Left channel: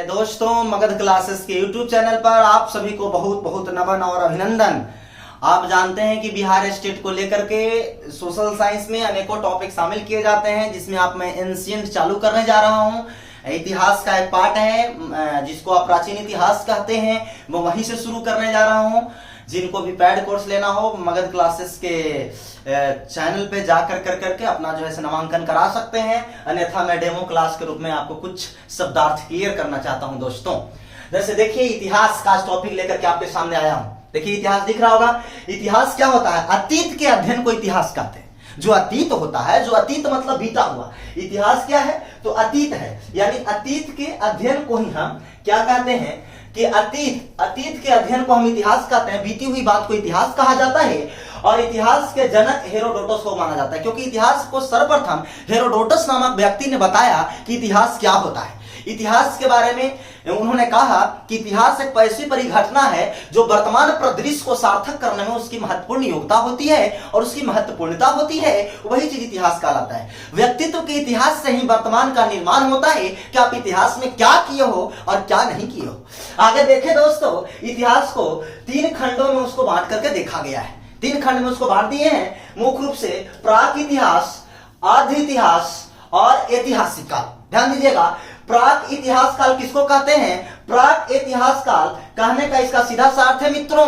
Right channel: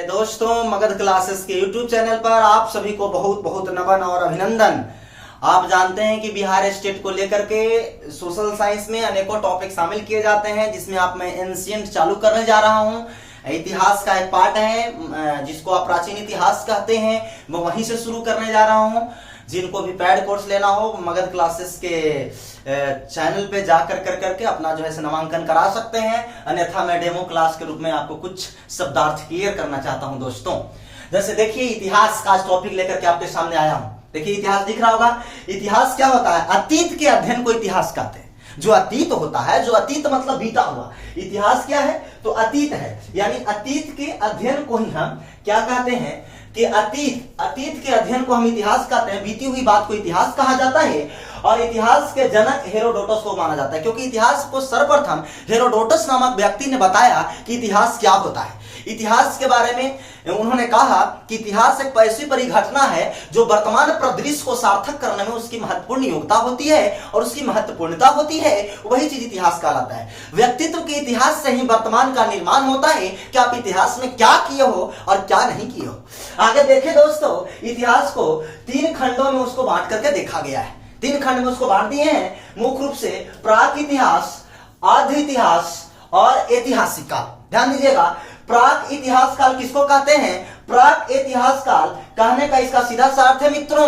मेरे दोस्तों, मगध क्लासेस के YouTube चैनल पर आप सभी को बहुत बहुत नमन और अभिनंदन। आप जानते हैं कि बिहार स्टेट को लेकर के सोशल साइंस में अनेकों टॉपिक शामिल किए जाते हैं, जिसमें आप मैं एंशिएंट चालू करने जा रहा हूं। इतिहास का एक पार्ट है जिसको आप प्राचीन इतिहास कहते हैं, वो वहीं से शुरू करने जा रहा हूं। जिनको भी पैड कोर्स लेना हो मगध क्लासेस के चैनल पे जाकर करके अपना जो है नामांकन करा सकते हैं, अन्यथा मैं डेमो क्लास के रूप में आपको कुछ शब्दार्थ क्लियर करना चाहता हूं। दोस्तों जैसे देखिए, इतिहास का टॉपिक लेकर के आपके सामने आया हूं। देखिए इतिहास दिख रहा होगा। इतिहास क्या होता है? अतीत के अध्ययन को इतिहास कहते हैं। जो अतीत होता है, जो अतीत मतलब बीता हुआ, इतिहास क्या है? तो अतीत है, यानी अतीत के अध्ययन को ही हम क्या कहते हैं कि अतीत के अध्ययन को हम इतिहास कहते हैं। बीती हुई बात को इतिहास कहा जाता है और इतिहास के जनक हेरोडोटस को माना जाता है, क्योंकि इतिहास को सर्वप्रथम हेरोडोटस नामक व्यक्ति ने बताया कि इतिहास क्या होता है। इतिहास के बारे में उन्होंने कहा कि इतिहास एक ऐसी परिघटना है जो वर्तमान परिदृश्य को सार्थक करने में उसकी महत्वपूर्ण योग्यता होती है और उसकी महत्वपूर्णता होती है, वही चीज इतिहास कहलाता है। व्यक्तित्व के इतिहास से ही वर्तमान का निर्माण होता है कि आप इतिहास में क्या किए हो और क्या नहीं किए हो। आगे देखें दोस्तों, इतिहास को 3 खंडों में उसको बांट करके देखा गया है। 3 खंड में उसको बांट दिए हैं, मुख्य रूप से प्राक इतिहास, आद्य इतिहास और ऐतिहासिक काल। ध्यान दीजिएगा, प्राक इतिहास काल किसको कहते हैं? प्राक इतिहास काल कहने का इसका सीधा सा अर्थ है मित्रों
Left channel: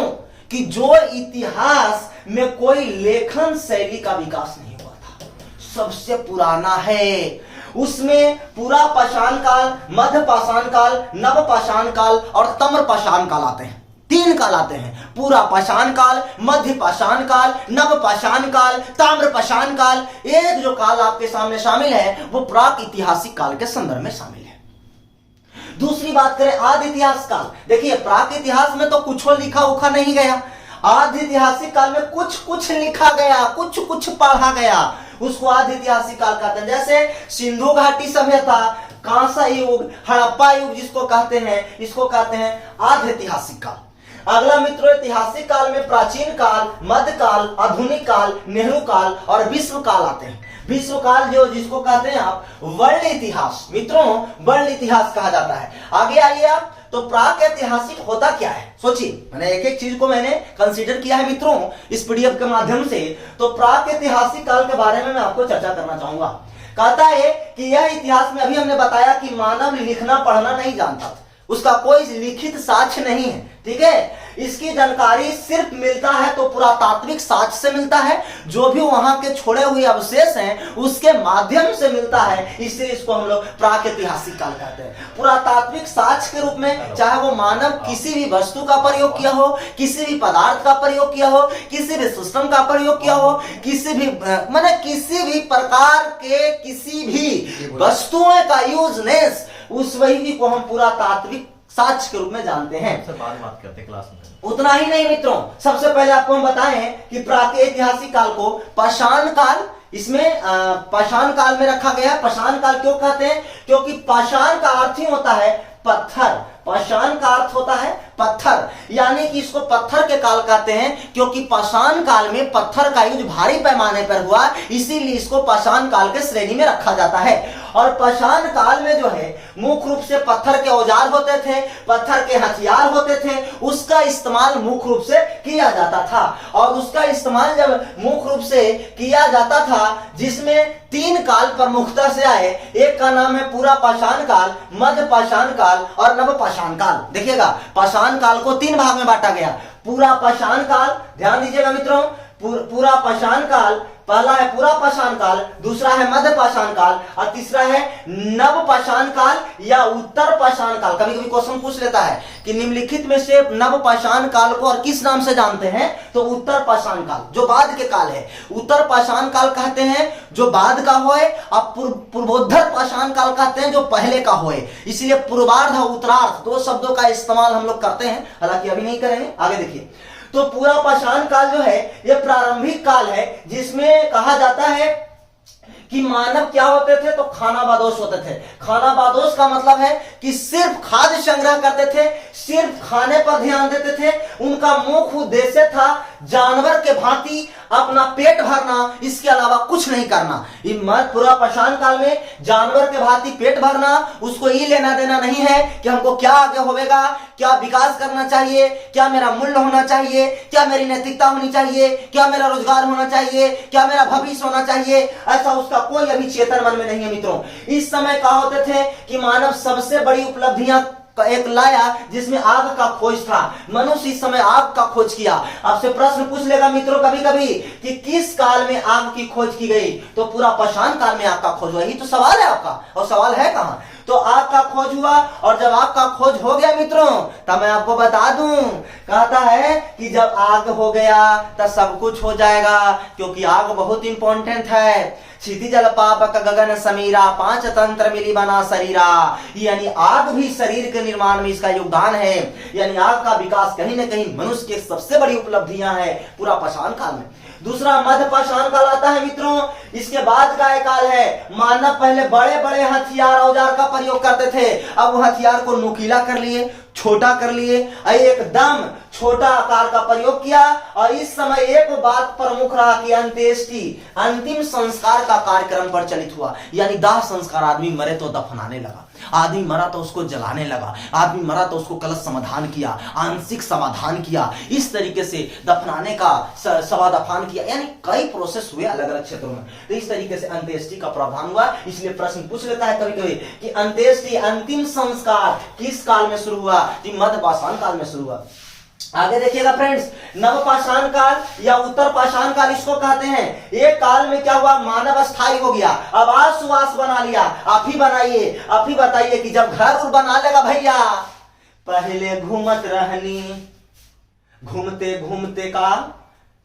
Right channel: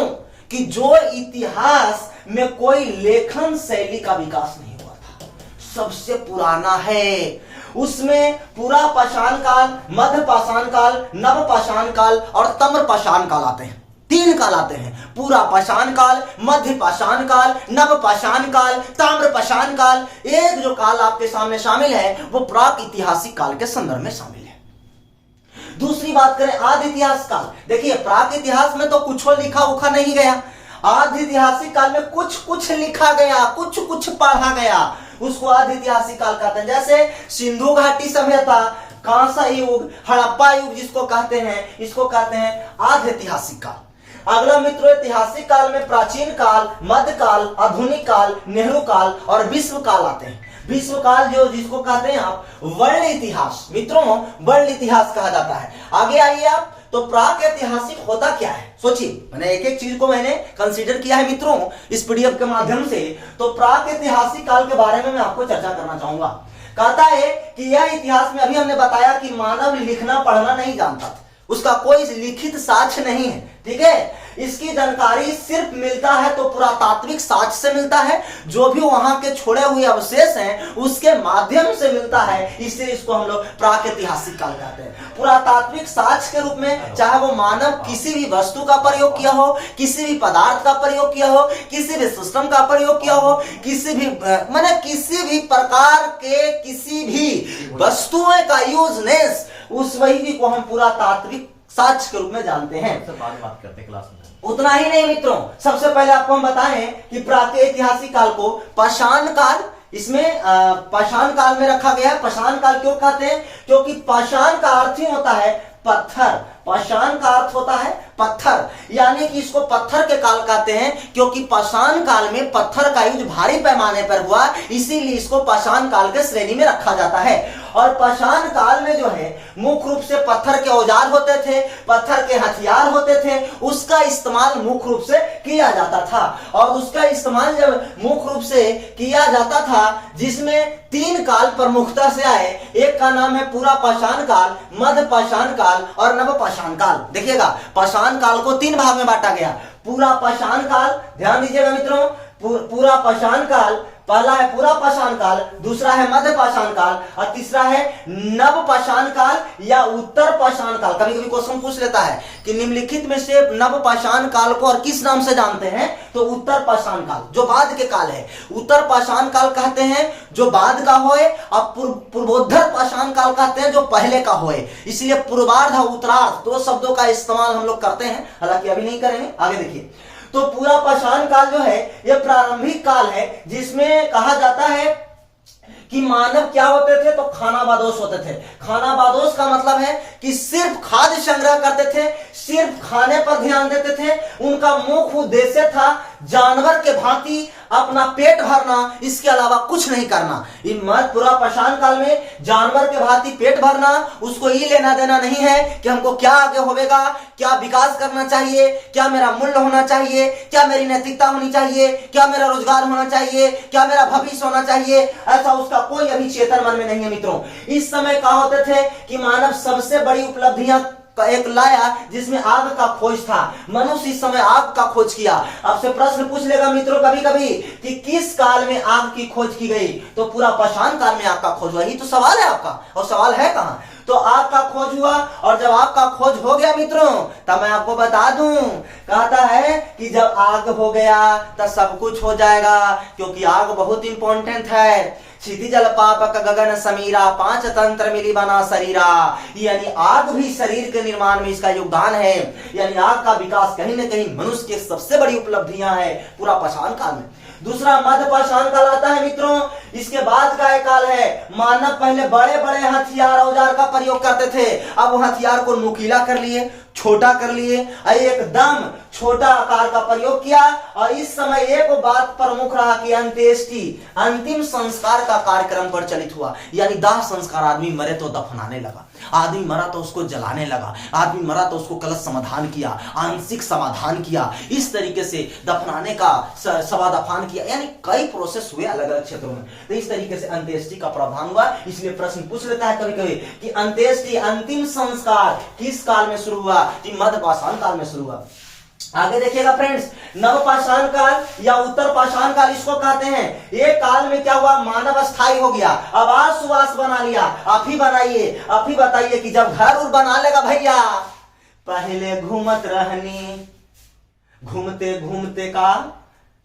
कि जो इतिहास में कोई लेखन शैली का विकास नहीं हुआ था, सबसे पुराना है। उसमें पूरा पाषाण काल, मध्य पाषाण काल, नव पाषाण काल और तम्र पाषाण काल आते हैं। 3 काल आते हैं, पूरा पाषाण काल, मध्य पाषाण काल, नव पाषाण काल, ताम्र पाषाण काल। एक जो काल आपके सामने शामिल है वो प्राक ऐतिहासिक काल के संदर्भ में शामिल है। दूसरी बात करें आदि इतिहास काल। देखिए, प्राक इतिहास में तो कुछ लिखा उखा नहीं गया, आदि ऐतिहासिक काल में कुछ लिखा गया, कुछ पढ़ा गया, उसको आदि ऐतिहासिक काल कहते हैं। जैसे सिंधु घाटी सभ्यता, कांसा युग, हड़प्पा युग जिसको कहते हैं, इसको कहते हैं आदि ऐतिहासिक काल। अगला मित्रों, ऐतिहासिक काल में प्राचीन काल, मध्यकाल, आधुनिक काल, नेहरू काल और विश्व काल आते हैं। विश्व काल जो जिसको कहते हैं आप वर्ल्ड इतिहास, मित्रों वर्ल्ड इतिहास कहा जाता है। आगे आइए आप, तो प्राक ऐतिहासिक होता क्या है? सोचिए, मैंने एक एक चीज को मैंने कंसीडर किया है मित्रों इस पीडीएफ के माध्यम से। तो प्राक ऐतिहासिक काल के बारे में मैं आपको चर्चा करना चाहूंगा। कहता है कि यह इतिहास में, अभी हमने बताया कि मानव लिखना पढ़ना नहीं जानता था, उसका कोई लिखित साक्ष्य नहीं है, ठीक है। इसकी जानकारी सिर्फ मिलता है तो पुरातात्विक साक्ष्य से मिलता है, जो भी वहां के छोड़े हुए अवशेष हैं उसके माध्यम से मिलता है, इसलिए इसको हम लोग प्राक ऐतिहासिक काल कहते हैं। पुरातात्विक साक्ष्य के रूप में चाहे वो मानव किसी भी वस्तु का प्रयोग किया हो, किसी भी पदार्थ का प्रयोग किया हो, किसी भी सिस्टम का प्रयोग किया हो, किसी भी किसी भी प्रकार के किसी भी वस्तुओं का यूजनेस, उस वही को हम पुरातात्विक साक्ष्य के रूप में जानते हैं। बात करते हैं क्लास में। उतना ही नहीं मित्रों, सबसे पहले आपको हम बताएं कि प्राक ऐतिहासिक काल को पाषाण काल, इसमें पाषाण काल में रखा गया। पाषाण काल क्यों कहते हैं? क्योंकि पाषाण का अर्थ ही होता है पत्थर। पाषाण का अर्थ होता है पत्थर, यानी कि इसको पत्थर के काल कहते हैं, क्योंकि पाषाण काल में पत्थर का यूज भारी पैमाने पर हुआ, इसीलिए इसको पाषाण काल के श्रेणी में रखा जाता है। और पाषाण काल में जो है मुख्य रूप से पत्थर के औजार होते थे, पत्थर के हथियार होते थे, उसका इस्तेमाल मुख्य रूप से किया जाता था। और उसका इस्तेमाल जब मुख्य रूप से किया जाता था, जिसमें 3 काल प्रमुखता से आए। एक का नाम है पूरा पाषाण काल, मध्य पाषाण काल और नव पाषाण काल। देखिएगा, पाषाण काल को 3 भाग में बांटा गया। पूरा पाषाण काल, ध्यान दीजिएगा मित्रों, पूरा पाषाण काल, पहला है पूरा पाषाण काल, दूसरा है मध्य पाषाण काल और तीसरा है नव पाषाण काल या उत्तर पाषाण काल। कभी कभी क्वेश्चन पूछ लेता है कि निम्नलिखित में से नव पाषाण काल को और किस नाम से जानते हैं? तो उत्तर पाषाण काल, जो बाद के काल है, उत्तर पाषाण काल कहते हैं जो बाद का होए, और पूर्वोत्तर पाषाण काल कहते हैं जो पहले का होए। इसलिए पूर्वार्ध और उत्तरार्ध 2 शब्दों का इस्तेमाल हम लोग करते हैं, हालांकि अभी नहीं करेंगे। आगे देखिए, तो पूरा पाषाण काल जो है यह प्रारंभिक काल है, जिसमें कहा जाता है कि मानव क्या होते थे, तो खानाबदोश होते थे। खानाबदोश का मतलब है कि सिर्फ खाद्य संग्रह करते थे, सिर्फ खाने पर ध्यान देते थे। उनका मुख्य उद्देश्य था जानवर के भांति अपना पेट भरना, इसके अलावा कुछ नहीं करना। पूरा पाषाण काल में जानवर के भांति पेट भरना, उसको ये लेना देना नहीं है कि हमको क्या आगे होगा, क्या विकास करना चाहिए, क्या मेरा मूल्य होना चाहिए, क्या मेरी नैतिकता होनी चाहिए, क्या मेरा रोजगार होना चाहिए, क्या मेरा भविष्य होना चाहिए, ऐसा उसका कोई अभी चेतन मन में नहीं है मित्रों। इस समय क्या होते थे कि मानव सबसे बड़ी उपलब्धियां एक लाया जिसमें आग का खोज था। मनुष्य इस समय आग का खोज किया। आपसे प्रश्न पूछ लेगा मित्रों कभी कभी कि किस काल में आग की खोज की गई, तो पूरा पाषाण काल में आग का खोज हुआ। यही तो सवाल है आपका, और सवाल है कहां? तो आग का खोज हुआ, और जब आग का खोज हो गया मित्रों, तब मैं आपको बता दूं, कहता है कि जब आग हो गया तब सब कुछ हो जाएगा, क्योंकि आग बहुत इंपॉर्टेंट है। क्षिति जल पापक गगन समीरा, पांच तंत्र मिली बना शरीरा। यानी आग भी शरीर के निर्माण में इसका योगदान है। यानी आग का विकास कहीं ना कहीं मनुष्य की सबसे बड़ी उपलब्धियां है पूरा पाषाण काल में। दूसरा मध्य पाषाण काल आता है मित्रों। इसके बाद का एक काल है, मानव पहले बड़े बड़े हथियार औजार का प्रयोग करते थे, अब वो हथियार को नुकीला कर लिए, छोटा कर लिए, एकदम छोटा आकार का प्रयोग किया। और इस समय एक बात प्रमुख रहा कि अंत्येष्टि, अंतिम संस्कार का कार्यक्रम प्रचलित हुआ। यानी दाह संस्कार, आदमी मरे तो दफनाने लगा, आदमी मरा तो उसको जलाने लगा, आदमी मरा तो उसको कलश समाधान किया, आंशिक समाधान किया, इस तरीके से दफनाने का सवा दफान किया। यानी कई प्रोसेस हुए अलग अलग क्षेत्रों में। तो इस तरीके से अंत्येष्टि का प्रावधान हुआ। इसलिए प्रश्न पूछ लेता है कभी कभी कि अंत्येष्टि, अंतिम संस्कार किस काल में शुरू हुआ? मध्य पाषाण काल में शुरू हुआ। आगे देखिएगा फ्रेंड्स, नव पाषाण काल या उत्तर पाषाण काल इसको कहते हैं। एक काल में क्या हुआ, मानव स्थायी हो गया, आवास सुवास बना लिया। आप ही बनाइए, आप ही बताइए कि जब घर उर बना लेगा भैया, पहले घूमत रहनी, घूमते घूमते का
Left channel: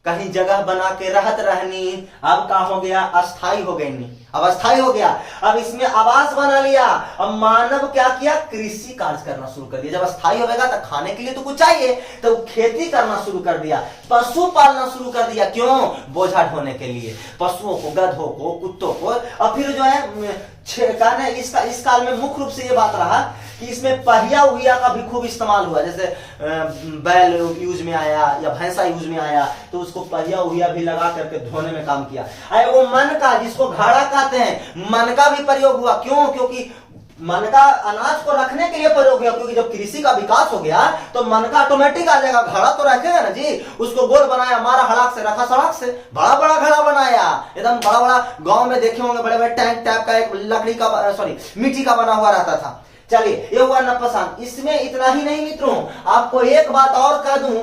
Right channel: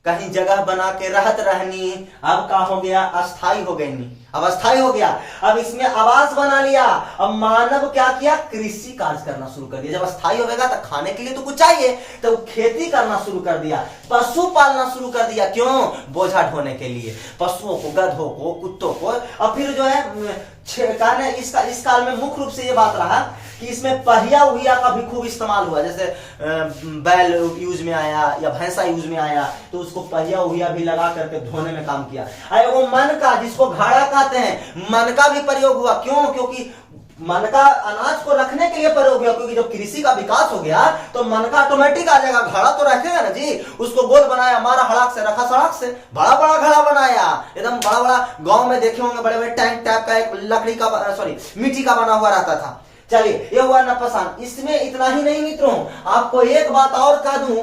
कहीं जगह बना के रहत रहनी, अब क्या हो गया, अस्थाई हो गई नहीं, अब अस्थाई हो गया। अब इसमें आवास बना लिया। अब मानव क्या किया, कृषि कार्य करना शुरू कर दिया। जब अस्थाई होगा तो खाने के लिए तो कुछ चाहिए, तो खेती करना शुरू कर दिया, पशु पालना शुरू कर दिया। क्यों? बोझा ढोने के लिए, पशुओं को, गधों को, कुत्तों को। और फिर जो है इस काल में मुख्य रूप से ये बात रहा कि इसमें पहिया उहिया का भी खूब इस्तेमाल हुआ। जैसे बैल यूज में आया या भैंसा यूज में आया, तो उसको पहिया उहिया भी लगा करके धोने में काम किया। वो मन का, जिसको घड़ा कहते हैं, मन का भी प्रयोग हुआ। क्यों? क्योंकि मन का अनाज को रखने के लिए प्रयोग हुआ। क्योंकि जब कृषि का विकास हो गया तो मन का ऑटोमेटिक आ जाएगा, घड़ा तो रखेगा ना जी। उसको गोल बनाया, मारा हड़ाक से, रखा सड़क से, बड़ा बड़ा घड़ा बनाया, एकदम बड़ा बड़ा। गांव में देखे होंगे बड़े बड़े टैंक टाइप का, एक लकड़ी का, सॉरी मिट्टी का बना हुआ रहता था। चलिए, ये हुआ नवपाषाण। इसमें इतना ही नहीं मित्रों, आपको एक बात और कह दूं,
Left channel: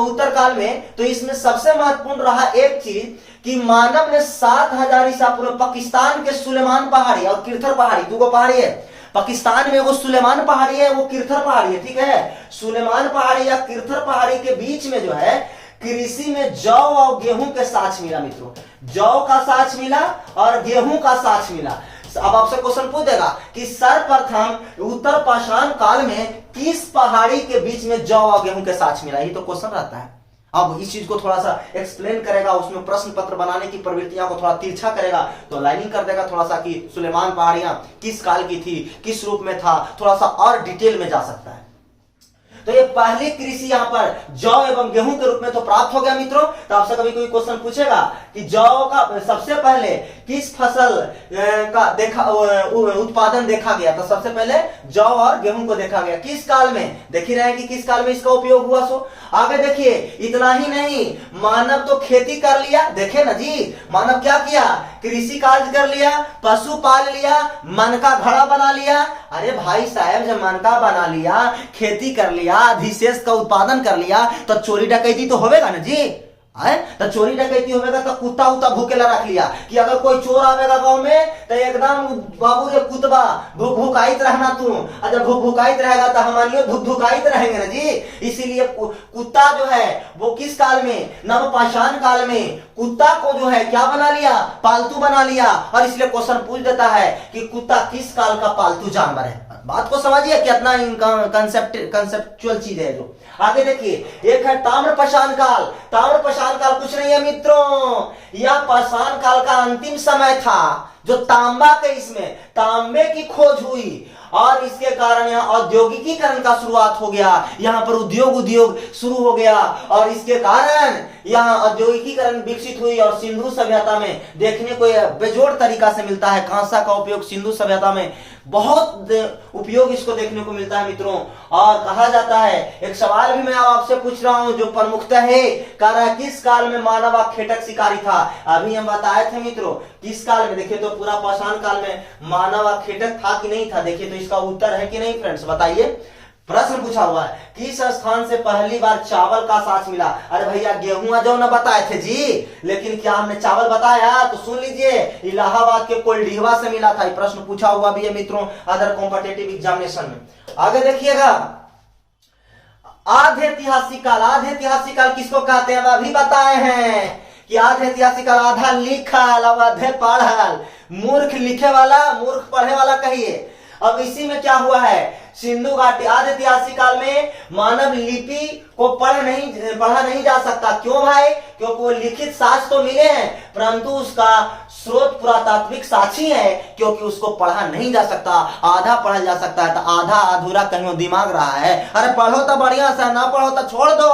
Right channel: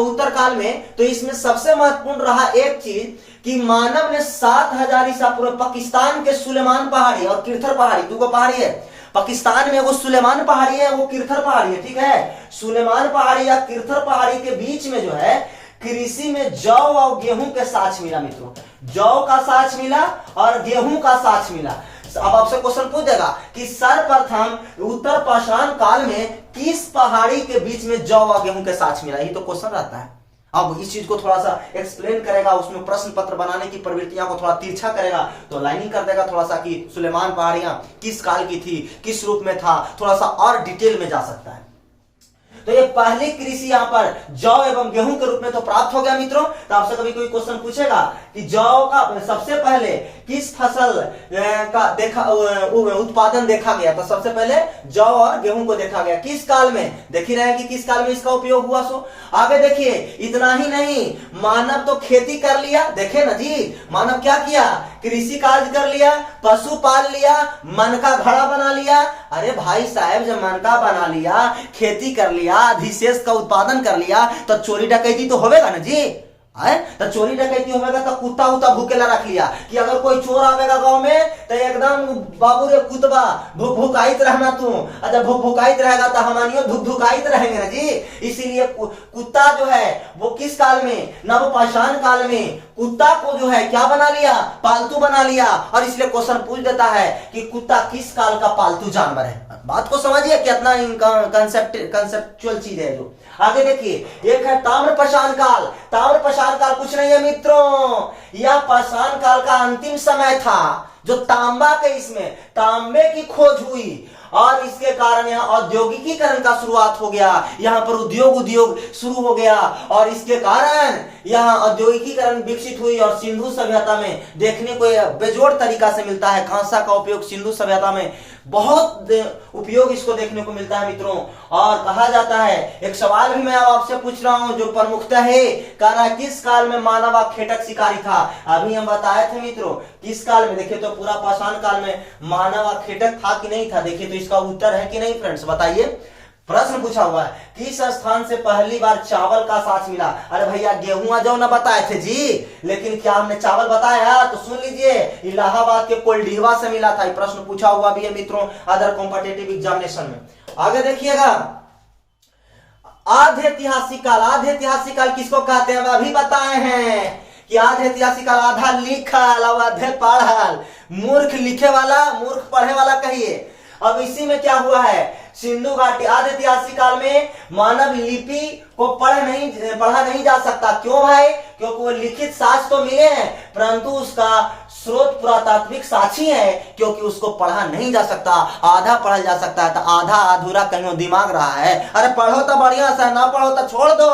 उत्तर काल में तो इसमें सबसे महत्वपूर्ण रहा एक चीज कि मानव ने 7000 ईसा पूर्व पाकिस्तान के सुलेमान पहाड़ी और किरथर पहाड़ी, दो पहाड़ी है पाकिस्तान में, वो सुलेमान पहाड़ी है, वो किरथर पहाड़ी है, ठीक है। सुलेमान पहाड़ी या किरथर पहाड़ी के बीच में जो है कृषि में जौ और गेहूं के साक्ष्य मिला मित्रों। जौ का साक्ष्य मिला और गेहूं का साक्ष्य मिला। अब आपसे क्वेश्चन पूछ देगा कि सर्वप्रथम उत्तर पाषाण काल में किस पहाड़ी के बीच में जौ और गेहूं के साक्ष्य मिला? ये तो क्वेश्चन रहता है। अब इस चीज को थोड़ा सा एक्सप्लेन करेगा, उसमें प्रश्न पत्र बनाने की प्रवृत्तियां को थोड़ा तिरछा करेगा, तो लाइनिंग कर देगा थोड़ा सा कि सुलेमान पहाड़ियां किस काल की थी, किस रूप में था, थोड़ा सा और डिटेल में जा सकता है। तो ये पहली कृषि यहाँ पर जौ एवं गेहूं के रूप में तो प्राप्त हो गया मित्रों। तो आपसे कभी कोई क्वेश्चन पूछेगा कि जौ का सबसे पहले किस फसल का उत्पादन देखा गया, तो सबसे पहले जौ और गेहूं को देखा गया। किस काल में? देख ही रहे हैं कि किस काल में इसका उपयोग हुआ। सो आगे देखिए, इतना ही नहीं, मानव तो खेती कर लिया, देखे ना जी, मानव क्या किया, कृषि कार्य कर लिया, पशु पाल लिया, मन का घड़ा बना लिया। अरे भाई साहब, जब मन का बना लिया, खेती कर लिया, अधिशेष का उत्पादन कर लिया, तो चोरी डकैती तो होवेगा ना जी। तो चोरी डकैती होगा तो कुत्ता उता भूकेला रख लिया कि अगर कोई चोर आवेगा गांव में तो एकदम बाबू रे कुतबा भूक भुकाइत रहना तू। जब भूक भुकाइत रहेगा तो हमारियों धुक धुकाइत रहेंगे ना जी। इसीलिए कुत्ता जो है वो किस काल में, नवपाषाण काल में कुत्ता को जो है क्या बना लिया, पालतू बना लिया। और इसलिए क्वेश्चन पूछ देता है कि कुत्ता किस काल का पालतू जानवर है। बात को समझिए कितना कंसेप्चुअल चीज है जो। आगे देखिए, एक है ताम्रपाषाण काल। ताम्रपाषाण पाषाण काल कुछ नहीं है मित्रों, यह पाषाण काल का अंतिम समय था जो तांबा के इसमें तांबे की खोज हुई और इसके कारण यहाँ औद्योगिकीकरण का शुरुआत हो गया, यहाँ पर उद्योग शुरू हो गया और इसके कारण यहाँ औद्योगिकीकरण विकसित हुई और सिंधु सभ्यता में देखने को बेजोड़ तरीका से मिलता है। कांसा का उपयोग सिंधु सभ्यता में बहुत उपयोग इसको देखने को मिलता है मित्रों। और कहा जाता है, एक सवाल भी मैं आपसे पूछ रहा हूं जो प्रमुखता है, कह रहा किस काल में मानव खेटक शिकारी था। अभी हम बताए थे मित्रों किस काल में, देखिए तो पूरा पाषाण काल में मानव खेटक था कि नहीं था। देखिए तो इसका उत्तर है कि नहीं फ्रेंड्स, बताइए। प्रश्न पूछा हुआ है, किस स्थान से पहली बार चावल का साँच मिला। अरे भैया गेहूं जौ न बताए थे जी, लेकिन क्या हमने चावल बताया? तो सुन लीजिए, इलाहाबाद के कोल्डीहवा से मिला था। प्रश्न पूछा हुआ भी है मित्रों अदर कॉम्पिटिटिव एग्जामिनेशन में। आगे देखिएगा, आधे ऐतिहासिक काल। आधे ऐतिहासिक काल किसको कहते हैं? अभी बताए हैं कि आधे ऐतिहासिक काल आधा लिखल और आधे पढ़ल। मूर्ख लिखे वाला, मूर्ख पढ़े वाला कहिए। अब इसी में क्या हुआ है, सिंधु घाटी आधे ऐतिहासिक काल में मानव लिपि को पढ़ा नहीं जा सकता। क्यों भाई? क्योंकि वो लिखित साक्ष्य तो मिले हैं परंतु उसका स्रोत पुरातात्विक साक्षी है, क्योंकि उसको पढ़ा नहीं जा सकता। आधा पढ़ा जा सकता है तो आधा अधूरा कहीं दिमाग रहा है। अरे पढ़ो तो बढ़िया से, ना पढ़ो तो छोड़ दो,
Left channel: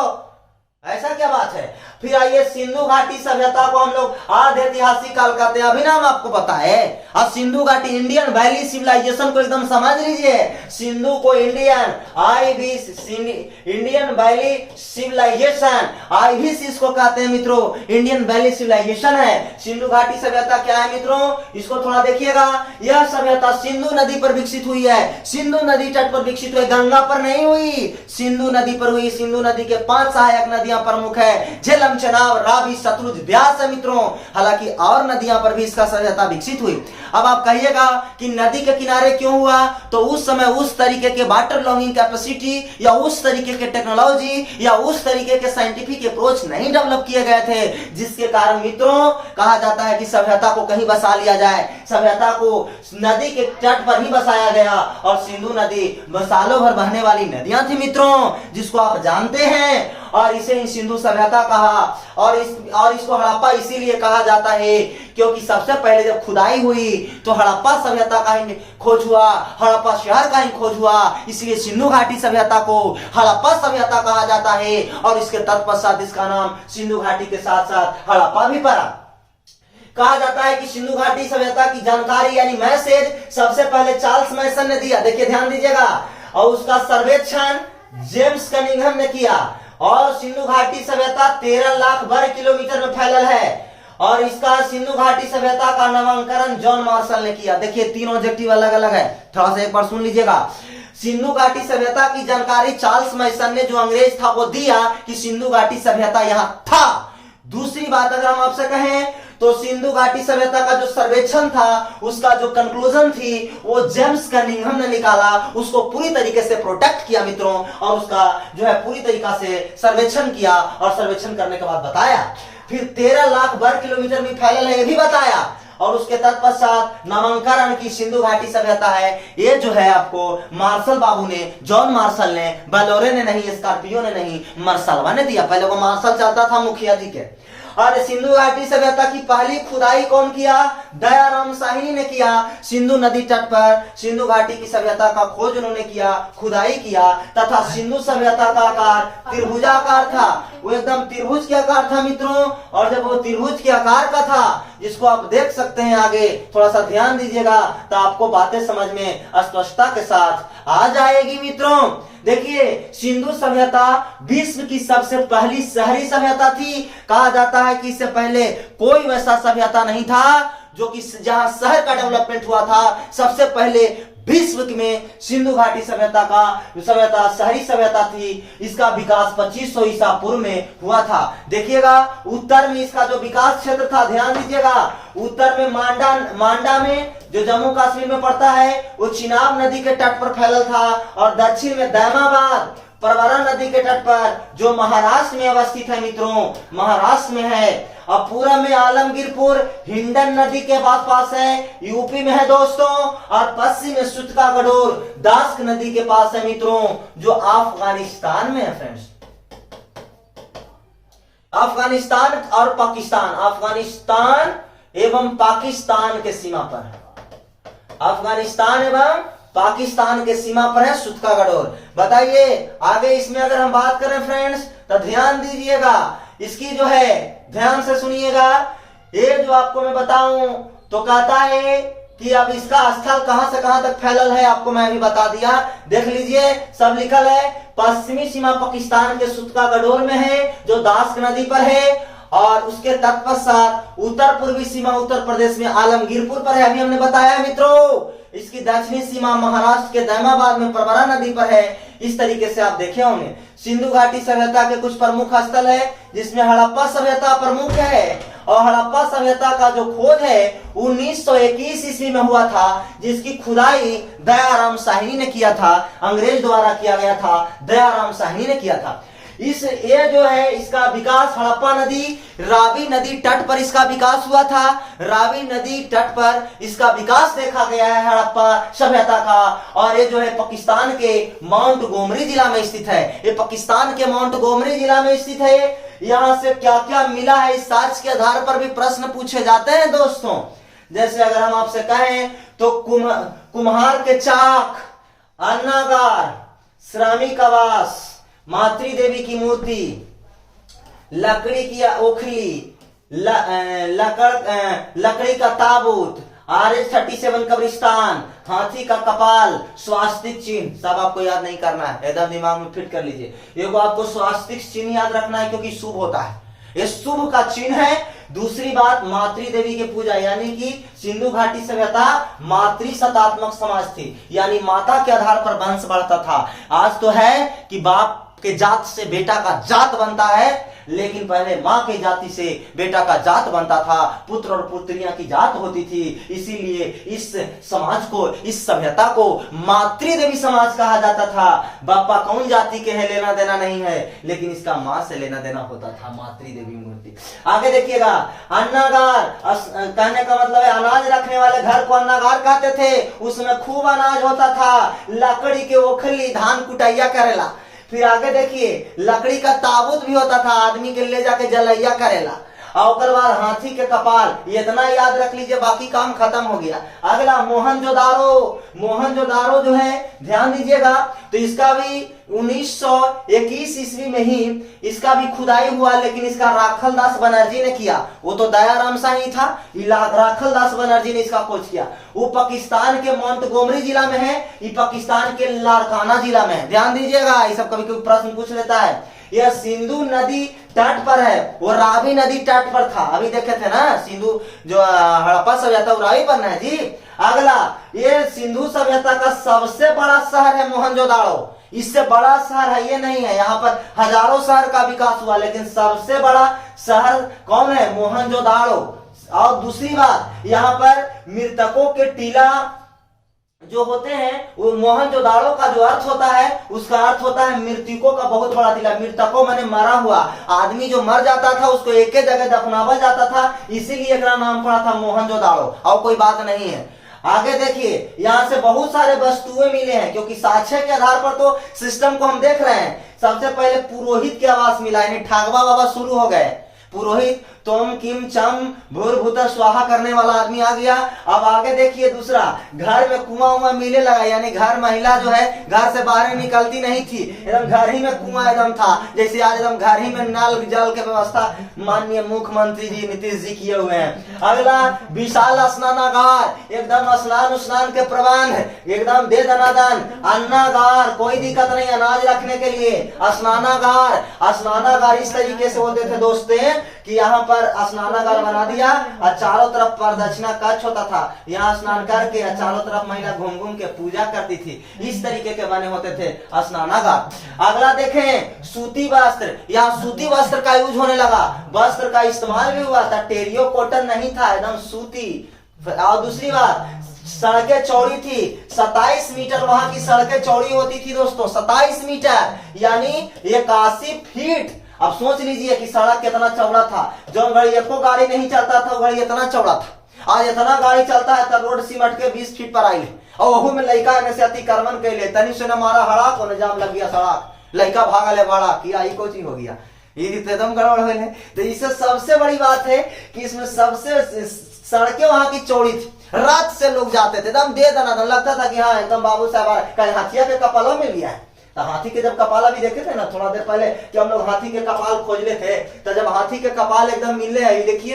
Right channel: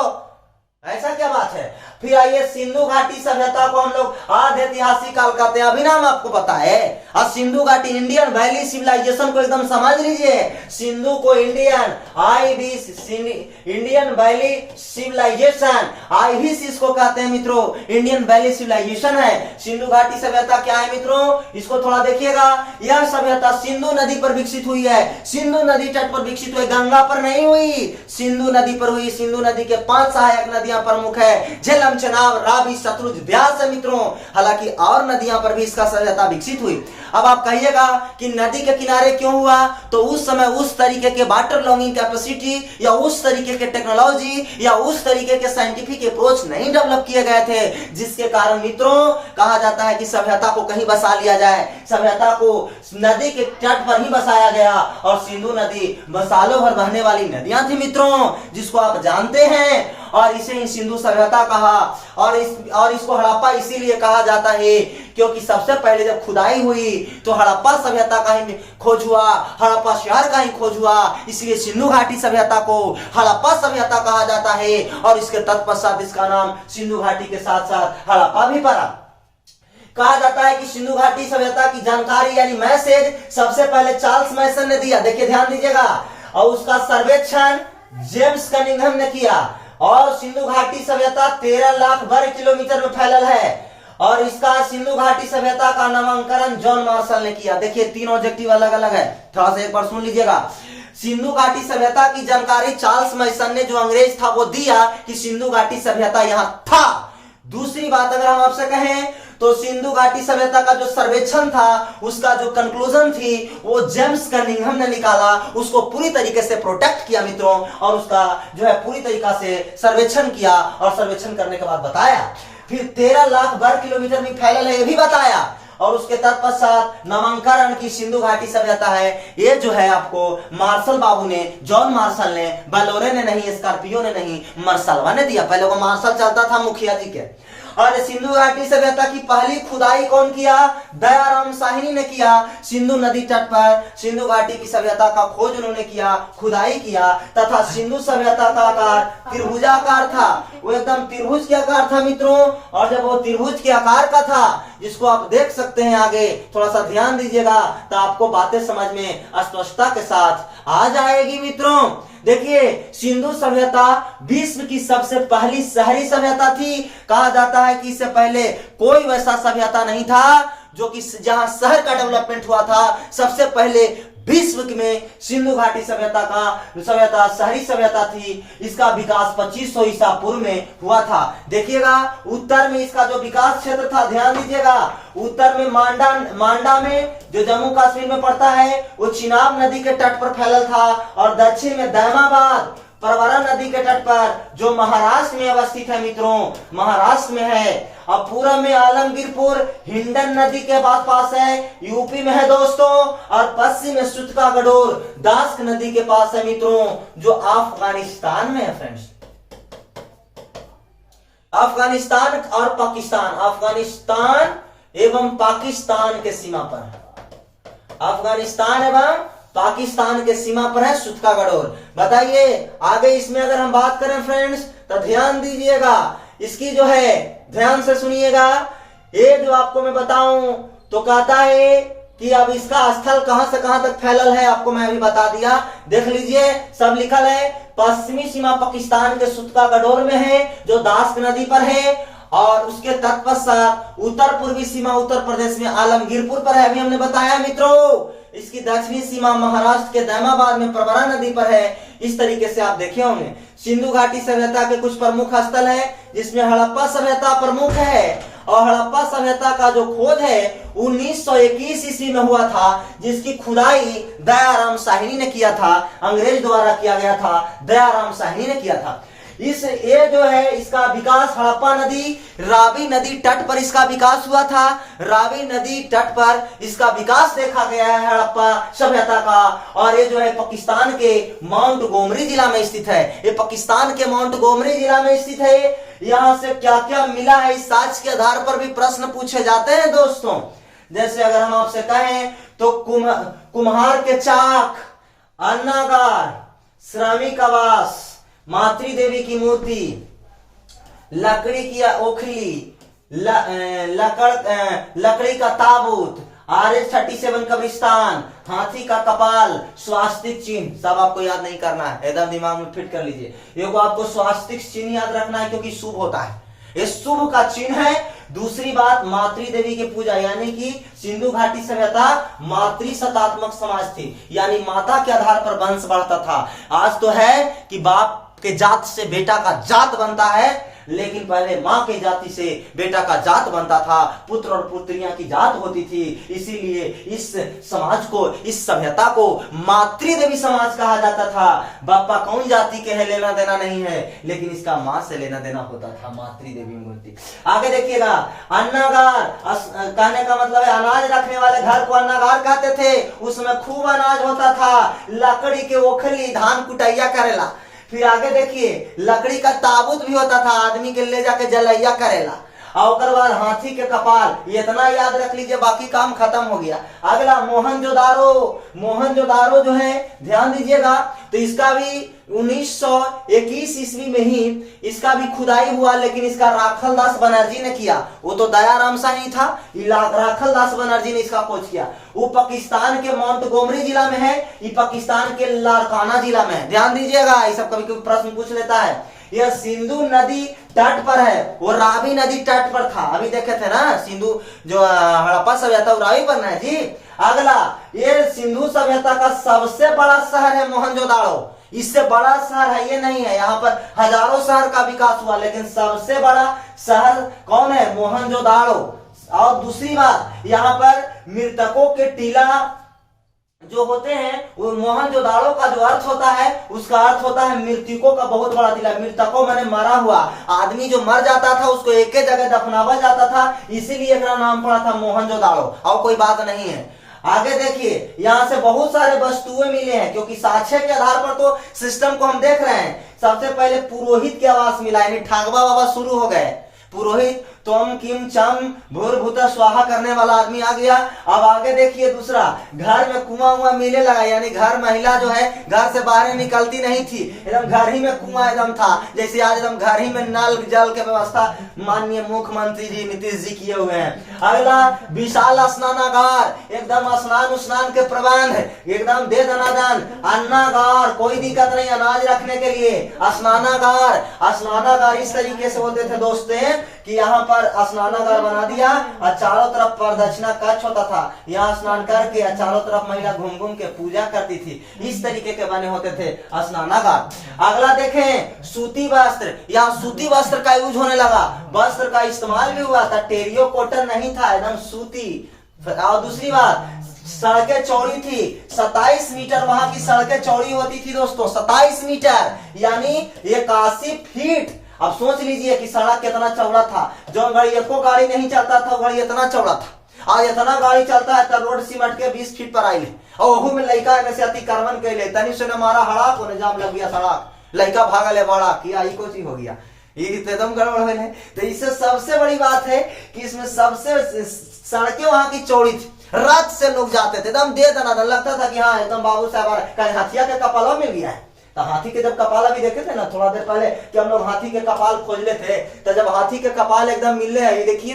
ऐसा क्या बात है। फिर आइए, सिंधु घाटी सभ्यता को हम लोग आधे ऐतिहासिक काल कहते हैं। अभी नाम आपको पता है। और सिंधु घाटी इंडियन वैली सिविलाइजेशन को एकदम समझ लीजिए। सिंधु को Indian Indian valley civilisation, IVS इसको कहते हैं मित्रों, इंडियन वैली सिविलाइजेशन है। सिंधु घाटी सभ्यता क्या है मित्रों, इसको थोड़ा देखिएगा। यह सभ्यता सिंधु नदी पर विकसित हुई है। सिंधु नदी तट पर विकसित हुई, गंगा पर नहीं हुई, सिंधु नदी पर हुई। सिंधु नदी के 5 सहायक नदियां प्रमुख है, झेलम, चनाब, रावी, सतलुज, ब्यास है मित्रों। हालांकि और नदियां पर भी इसका सभ्यता विकसित हुई। अब आप कहिएगा कि नदी के किनारे क्यों हुआ, तो उस समय उस तरीके के वाटर लॉगिंग कैपेसिटी या उस तरीके के टेक्नोलॉजी या उस तरीके के साइंटिफिक अप्रोच नहीं डेवलप किए गए थे, जिसके कारण मित्रों कहा जाता है कि सभ्यता को कहीं बसा लिया जाए। सभ्यता को नदी के तट पर ही बसाया गया और सिंधु नदी सालों भर बहने वाली नदियां थी मित्रों, जिसको आप जानते हैं। और इसे ही सिंधु सभ्यता कहा और इसको हड़प्पा इसीलिए कहा जाता है क्योंकि सबसे पहले जब खुदाई हुई तो हड़प्पा सभ्यता का ही खोज हुआ, हड़प्पा शहर का ही खोज हुआ, इसलिए सिंधु घाटी सभ्यता को हड़प्पा सभ्यता कहा जाता है। और इसके तत्पश्चात इसका नाम सिंधु घाटी के साथ साथ हड़प्पा भी पड़ा। कहा जाता है कि सिंधु घाटी सभ्यता की जानकारी यानी मैसेज सबसे पहले चार्ल्स मैसन ने दिया। देखिए ध्यान दीजिएगा, और उसका सर्वेक्षण जेम्स कनिंघम ने किया। और सिंधु घाटी सभ्यता 13 लाख वर्ग किलोमीटर में फैलल है और इसका सिंधु घाटी सभ्यता का नामकरण जॉन मार्शल ने किया। देखिए तीनों ऑब्जेक्टिव अलग अलग है, थोड़ा सा एक बार सुन लीजिएगा। सिंधु घाटी सभ्यता की जानकारी चार्ल्स मैसन ने, जो अंग्रेज था, वो दिया कि सिंधु घाटी सभ्यता यहां था। दूसरी बात अगर हम आपसे कहें तो सिंधु घाटी सभ्यता का जो सर्वेक्षण था, उसका जो कंक्लूजन थी, वो जेम्स कनिंघम ने निकाला, उसको पूरी तरीके से प्रोटेक्ट किया मित्रों, और उसका जो है पूरी तरीका से सर्वेक्षण किया और सर्वेक्षण करने के बाद बताया। फिर 13 लाख वर्ग किलोमीटर में फैलल है, ये भी बताया। और उसके तत्पश्चात नामांकन की सिंधु घाटी सभ्यता है। ये जो है आपको मार्शल बाबू ने, जॉन मार्शल ने, बलोरे ने नहीं, स्कॉर्पियो ने नहीं, मार्शलवा ने दिया। पहले वो मार्शल चलता था मुखिया जी के। और सिंधु घाटी सभ्यता की पहली खुदाई कौन किया? दयाराम साहनी ने किया। सिंधु नदी तट पर सिंधु घाटी की सभ्यता का खोज उन्होंने किया, खुदाई किया, तथा सिंधु सभ्यता का आकार त्रिभुजाकार था। वो एकदम त्रिभुज के आकार था मित्रों। और जब वो त्रिभुज के आकार का था, जिसको आप देख सकते हैं आगे, थोड़ा सा ध्यान दीजिएगा तो आपको बातें समझ में स्पष्टता के साथ आ जाएगी मित्रों। देखिए सिंधु सभ्यता विश्व की सबसे पहली शहरी सभ्यता थी। कहा जाता है कि इससे पहले कोई वैसा सभ्यता नहीं था जो कि जहां शहर का डेवलपमेंट हुआ था। सबसे पहले विश्व में सिंधु घाटी सभ्यता शहरी सभ्यता थी। इसका विकास 2500 ईसा पूर्व में हुआ था। देखिएगा उत्तर में इसका जो विकास क्षेत्र था, ध्यान दीजिएगा, उत्तर में मांडा में जो जम्मू कश्मीर में पड़ता है, वो चिनाब नदी के तट पर फैलल था। और दक्षिण में दैमाबाद परवरा नदी के तट पर, जो महाराष्ट्र में अवस्थित है मित्रों, महाराष्ट्र में है। अब पूरब में आलमगीरपुर हिंडन नदी के पास है, यूपी में है दोस्तों। और पश्चिम में सुतका गडोर दास्क नदी के पास है मित्रों, जो अफगानिस्तान में है फ्रेंड्स। अफगानिस्तान और पाकिस्तान, अफगानिस्तान एवं पाकिस्तान के सीमा पर, अफगानिस्तान एवं पाकिस्तान के सीमा पर है सुतका गडोर। बताइए आगे इसमें अगर हम बात करें फ्रेंड्स तो ध्यान दीजिएगा, इसकी जो है ध्यान से सुनिएगा। ये जो आपको मैं बताऊं तो कहता है कि अब इसका स्थल कहां से कहां तक फैलल है, आपको मैं अभी बता दिया। देख लीजिए सब लिखल है, पश्चिमी सीमा पाकिस्तान के सुतका गडोर में है जो दास्क नदी पर है, और उसके तत्पश्चात उत्तर पूर्वी सीमा उत्तर प्रदेश में आलमगीरपुर पर है, अभी हमने बताया मित्रों। इसकी दक्षिणी सीमा महाराष्ट्र के दैमाबाद में प्रवरा नदी पर है। इस तरीके से आप देखे होंगे। सिंधु घाटी सभ्यता के कुछ प्रमुख स्थल है जिसमें हड़प्पा सभ्यता प्रमुख है, और हड़प्पा सभ्यता का जो खोज है 1921 ईस्वी में हुआ था, जिसकी खुदाई दयाराम साहनी ने किया था, अंग्रेज द्वारा किया गया था, दयाराम साहनी ने किया था। ये जो है इसका विकास हड़प्पा नदी, रावी नदी तट पर इसका विकास हुआ था। रावी नदी तट पर इसका विकास देखा गया है हड़प्पा सभ्यता का। और ये जो है पाकिस्तान के माउंट गोमरी जिला में स्थित है। ये पाकिस्तान के माउंट गोमरी जिला में स्थित है। यहाँ से क्या क्या मिला है इस साक्ष्य के आधार पर भी प्रश्न पूछे जाते हैं दोस्तों। जैसे अगर हम आपसे कहें तो कुम्हार के चाक, अन्नागार, श्रमिक आवास, मातृ देवी की मूर्ति, लकड़ी की ओखली, लकड़ी का ताबूत, RH-37 कब्रिस्तान, हाथी का कपाल, स्वास्तिक चिन्ह, सब आपको याद नहीं करना है, एकदम दिमाग में फिट कर लीजिए। एगो आपको स्वास्तिक चिन्ह याद रखना है क्योंकि शुभ होता है, ये शुभ का चिन्ह है। दूसरी बात मातृ देवी की पूजा, यानी कि सिंधु घाटी सभ्यता मातृ सतात्मक समाज थी, यानी माता के आधार पर वंश बढ़ता था। आज तो है कि बाप के जात से बेटा का जात बनता है, लेकिन पहले माँ के जाति से बेटा का जात बनता था, पुत्र और पुत्रियां की जात होती थी। इसीलिए इस समाज को, इस सभ्यता को मातृ देवी समाज कहा जाता था। बापा कौन जाति के है लेना देना नहीं है, लेकिन इसका माँ से लेना देना होता था, मातृ देवी मूर्ति। आगे देखिएगा, अन्नागार कहने का मतलब है अनाज रखने वाले घर को अन्नागार कहते थे। उसमें खूब अनाज होता था, लकड़ी के ओखली, धान कुटैया करेला। फिर आगे देखिए, लकड़ी का ताबूत भी होता था, आदमी के ले जाके जलैया करेला। और बाद हाथी के कपाल, ये इतना याद रख लीजिए, बाकी काम खत्म हो गया। अगला मोहनजोदारो, मोहनजोदारो जो है ध्यान दीजिएगा, तो इसका भी 1921 ईस्वी में ही इसका भी खुदाई हुआ, लेकिन इसका राखल दास बनर्जी ने किया। वो तो दयाराम साहनी था, राखल दास बनर्जी ने इसका खोज किया। वो पाकिस्तान के माउंट गोमरी जिला में है, ये पाकिस्तान के लारकाना जिला में है। ध्यान दीजिएगा, ये सब कभी कभी प्रश्न पूछ लेता है। यह सिंधु नदी तट पर है, वो रावी नदी तट पर था। अभी देखे थे ना, सिंधु जो हड़प्पा सभ्यता रावी पर है जी। अगला, ये सिंधु सभ्यता का सबसे बड़ा शहर है मोहनजोदाड़ो। इससे बड़ा शहर है ये नहीं है, यहाँ पर हजारों शहर का विकास हुआ, लेकिन सबसे बड़ा शहर कौन है? मोहनजोदाड़ो। और दूसरी बात, यहाँ पर मृतकों के टीला जो होते हैं, वो मोहनजोदाड़ो का जो अर्थ होता है, उसका अर्थ होता है मृतकों का बहुत बड़ा टीला। मृतकों माने मरा हुआ आदमी, जो मर जाता था उसको एक ही जगह दफनावा जाता था, इसीलिए इसका नाम पड़ा था मोहनजोदाड़ो, और कोई बात नहीं है। आगे देखिए, यहाँ से बहुत सारे वस्तुएं मिले हैं, क्योंकि साक्ष्य के आधार पर तो सिस्टम को हम देख रहे हैं। सबसे पहले पुरोहित के आवास मिला, यानी ठागवा बाबा शुरू हो गए। पुरोहित तोम किम चम भूर भूता स्वाहा करने वाला आदमी आ गया। अब आगे देखिए, दूसरा, घर में कुआं मिलने लगा, यानी घर महिला जो है घर से बाहर निकलती नहीं थी, एकदम घर ही में कुआं एकदम था। जैसे आज एकदम घर ही में नल जल के व्यवस्था माननीय मुख्यमंत्री जी नीतीश जी किए हुए हैं। अगला, विशाल स्नानागार, एकदम स्नान के प्रबंध, एकदम दे दनादन। अन्नागार, कोई दिक्कत नहीं अनाज रखने के लिए। स्नानागार इस तरीके से बोलते थे दोस्तों कि यहाँ पर स्नानागार बना दिया और चारों तरफ प्रदक्षिणा कक्ष होता था, यहाँ स्नान करके चारों तरफ महिला घूम घूम के पूजा करती थी। इस तरीके के बने होते थे स्नानागार। अगला देखें, सूती वस्त्र, यहाँ सूती वस्त्र का यूज होने लगा, वस्त्र का इस्तेमाल भी हुआ था, टेरियो कॉटन नहीं था, एकदम सूती। और दूसरी बात, सड़कें चौड़ी थी, 27 मीटर वहां की सड़कें चौड़ी होती थी दोस्तों, 27 मीटर यानी 81 फीट। अब सोच लीजिए कि सड़क कितना चौड़ा था। जो घड़ी एको गाड़ी नहीं चलता था, घड़ी इतना चौड़ा था। आज इतना गाड़ी चलता है तो रोड सिमट के 20 फीट पर आई, और वहू में लड़का में से अतिक्रमण कैले, तनी से न मारा हड़ाक, और जाम लग गया सड़क, लड़का भागा ले बड़ा किया, ही कोची हो गया। ये एकदम गड़बड़ है। तो इससे सबसे बड़ी बात है कि इसमें सबसे सड़कें वहां की चौड़ी थी, रात से लोग जाते थे, एकदम दे दना लगता था कि हाँ एकदम बाबू साहब कहीं हाथिया के कपाला में लिया है। तो हाथी के जब कपाला भी देखे थे ना थोड़ा देर पहले कि हम लोग हाथी के कपाल खोज ले थे, तो जब हाथी के कपाल एकदम मिल रहे हैं, ये देखिए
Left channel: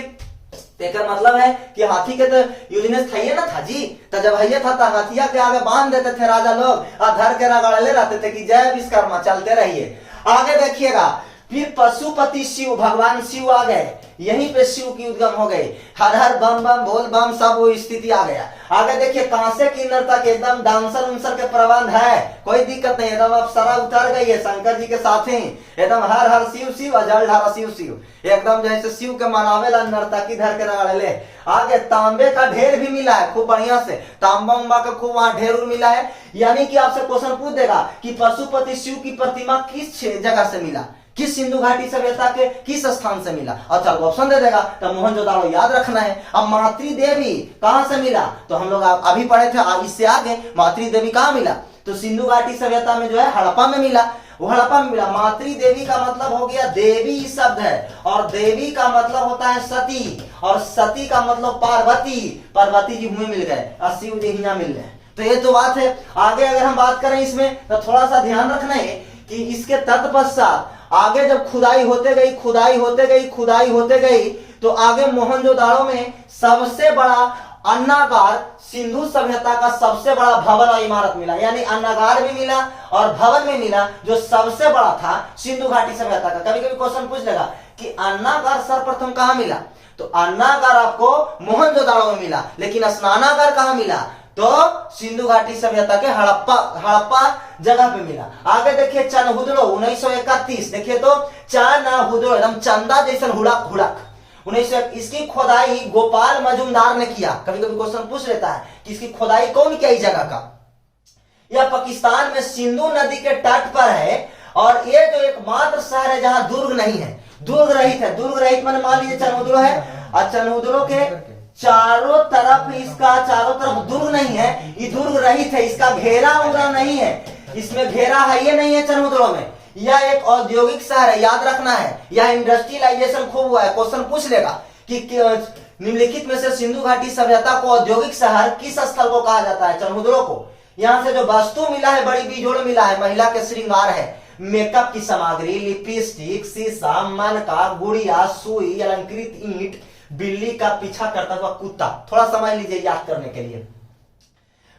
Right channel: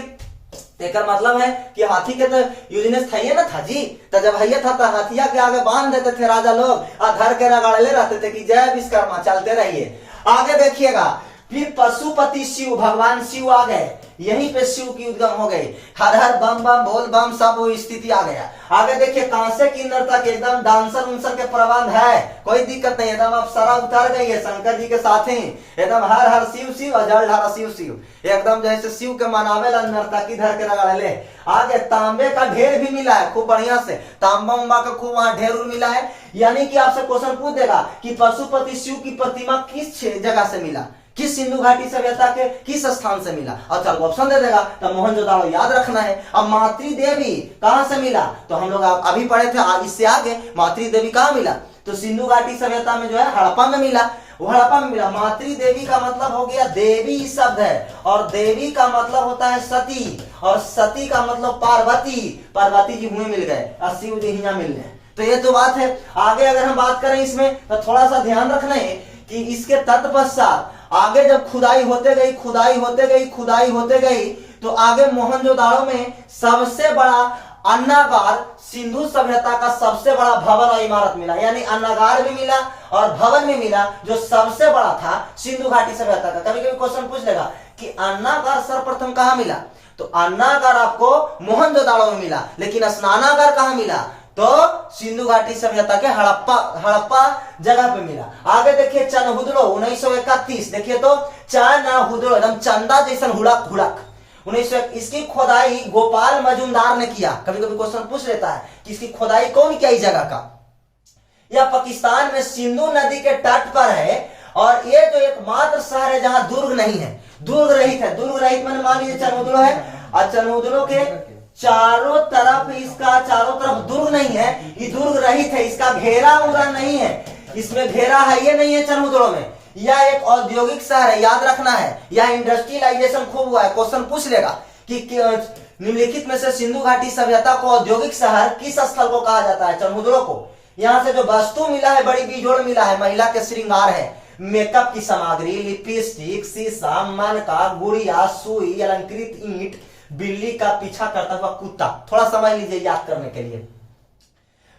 एक मतलब है कि हाथी के तो यूजनेस था ना था जी। तो जब हैया था तो हाथिया के आगे बांध देते थे राजा लोग और धर के रगड़ले रहते थे कि जय विश्वकर्मा, चलते रहिए। आगे देखिएगा फिर पशुपति शिव, भगवान शिव आ गए, यहीं पे शिव की उद्गम हो गई, हर हर बम बम बोल बम, सब वो स्थिति आ गया। आगे देखिए कांसे की नर्तक एकदम डांसर उनसर के प्रबंध है, कोई दिक्कत नहीं, एकदम अब सारा उतर गई है शंकर जी के साथ ही, एकदम हर हर शिव शिव, जल ढारा शिव शिव, एकदम जैसे शिव के मनावे ला नर्तकी धर के रगड़ले। आगे तांबे का ढेर भी मिला है खूब बढ़िया से, तांबा उम्बा का खूब वहां ढेर मिला है। यानी कि आपसे क्वेश्चन पूछ देगा कि पशुपति शिव की प्रतिमा किस जगह से मिला, किस सिंधु घाटी सभ्यता के किस स्थान से मिला, अच्छा ऑप्शन दे देगा तो मोहनजोदड़ो याद रखना है। अब मातृ देवी कहां से मिला, तो हम लोग अभी पढ़े थे इससे आगे मातृ देवी कहां मिला, तो सिंधु घाटी सभ्यता में जो है हड़प्पा में मिला, वो हड़प्पा में मिला। मातृ देवी का मतलब हो गया देवी शब्द है, और देवी का मतलब होता है सती, और सती का मतलब पार्वती, पार्वती जी हुए मिल गए और शिव जी यहाँ मिल गए। तो ये तो बात है। आगे अगर हम बात करें इसमें तो थोड़ा सा ध्यान रखना है कि इसके तत्पश्चात आगे जब खुदाई होते गई, खुदाई होते गई, खुदाई होते गई, तो आगे मोहनजोदाड़ो में सबसे बड़ा अन्नागार, सिंधु सभ्यता का सबसे बड़ा भवन और इमारत मिला, यानी अन्नागार भी मिला और भवन भी मिला, जो सबसे बड़ा था सिंधु घाटी सभ्यता का। कभी कभी क्वेश्चन पूछ लेगा कि अन्नागार सर्वप्रथम कहां मिला, तो अन्नागार आपको मोहनजोदाड़ो में मिला, लेकिन स्नानागार कहां मिला, तो सिंधु घाटी सभ्यता के हड़प्पा जगह पे मिला। आगे देखिए चनहुदड़ो 1931, देखिए तो चनहुदड़ो एकदम चंदा जैसन हुड़क हुड़क 1901, इसकी खोदाई गोपाल मजुमदार ने किया। कभी कभी क्वेश्चन पूछ लेता है कि इसकी खोदाई कौन किया इस जगह का, यह पाकिस्तान में सिंधु नदी के तट पर है, और ये जो एकमात्र शहर है जहां दुर्ग नहीं है, दुर्ग रहित है। दुर्ग रहित मैंने मान लीजिए चनहुदड़ो है, और चनहुदड़ो के चारों तरफ इसका चारों तरफ दुर्ग नहीं है, ये दुर्ग रहित है, इसका घेरा उंगरा नहीं है, इसमें घेरा है ये नहीं है चनहुदड़ो में। यह एक औद्योगिक शहर है, याद रखना है, यह इंडस्ट्रियलाइजेशन खूब हुआ है। क्वेश्चन पूछ लेगा कि निम्नलिखित में से सिंधु घाटी सभ्यता को औद्योगिक शहर किस स्थल को कहा जाता है, चनहुदड़ो को। यहाँ से जो वस्तु मिला है बड़ी बेजोड़ मिला है, महिला के श्रृंगार है, मेकअप की सामग्री, लिपस्टिक, शीशा, मनका, गुड़िया, सुई, अलंकृत ईंट, बिल्ली का पीछा करता हुआ कुत्ता। थोड़ा समझ लीजिए याद करने के लिए,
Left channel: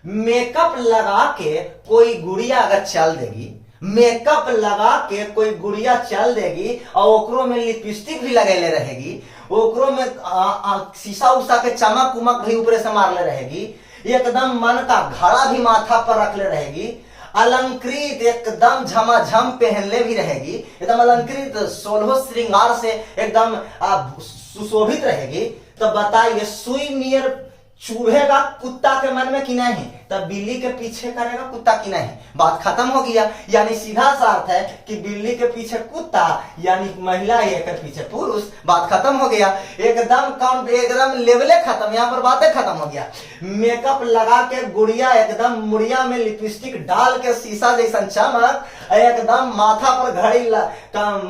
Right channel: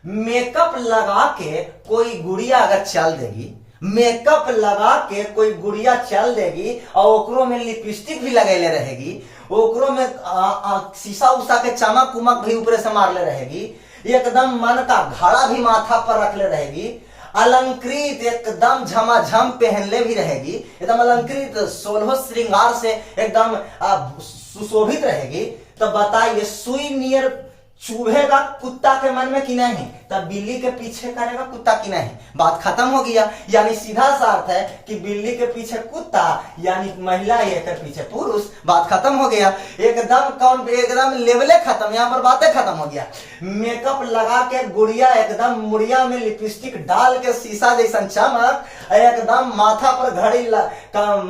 मेकअप लगा के कोई गुड़िया अगर चल देगी, मेकअप लगा के कोई गुड़िया चल देगी और ओकरो में लिपस्टिक भी लगेले रहेगी, ओकरो में शीशा उषा के चमक उमक भी ऊपर से मारले रहेगी, एकदम मन का घड़ा भी माथा पर रखले रहेगी, अलंकृत एकदम झमाझम पहनले भी रहेगी, एकदम अलंकृत 16 श्रृंगार से एकदम सुशोभित रहेगी, तो बताइए सुई नियर चूहेगा कुत्ता के मन में कि नहीं, तब बिल्ली के पीछे करेगा कुत्ता की नहीं। बात खत्म हो गया। यानी सीधा सा अर्थ है कि बिल्ली के पीछे कुत्ता यानी महिला, एक पीछे पुरुष। बात खत्म हो गया, एकदम लेवले खत्म, यहाँ पर बातें खत्म हो गया। मेकअप लगा के गुड़िया एकदम मुड़िया में लिपस्टिक डाल के शीशा जैसा चमक, एकदम माथा पर घड़ी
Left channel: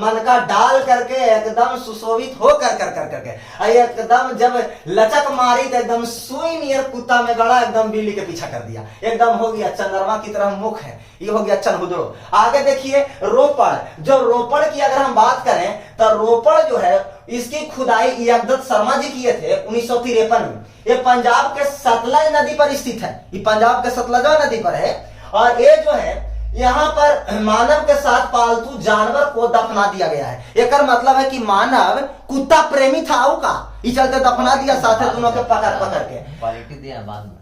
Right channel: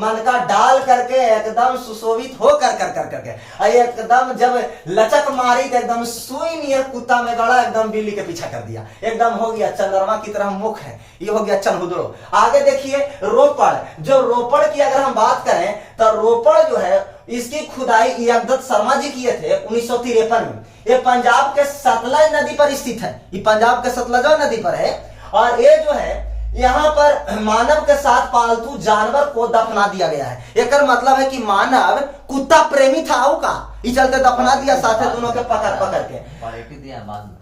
मन का डाल करके एकदम सुशोभित हो करके एकदम जब लचक मारी तो एकदम सुई नियर कुत्ता में गड़ा, एकदम बिल्ली के पीछा कर दिया, एकदम हो गया चंद्रमा की तरह मुख है, ये हो गया चनहुदड़ो। आगे देखिए रोपड़, जो रोपड़ की अगर हम बात करें तो रोपड़ जो है इसकी खुदाई यज्ञदत्त शर्मा जी किए थे 1953 में। ये पंजाब के सतलज नदी पर स्थित है, ये पंजाब के सतलज नदी पर है, और ये जो है यहाँ पर मानव के साथ पालतू जानवर को दफना दिया गया है। एक मतलब है कि मानव कुत्ता प्रेमी था का, इस चलते दफना दिया साथ दोनों के पकड़ के।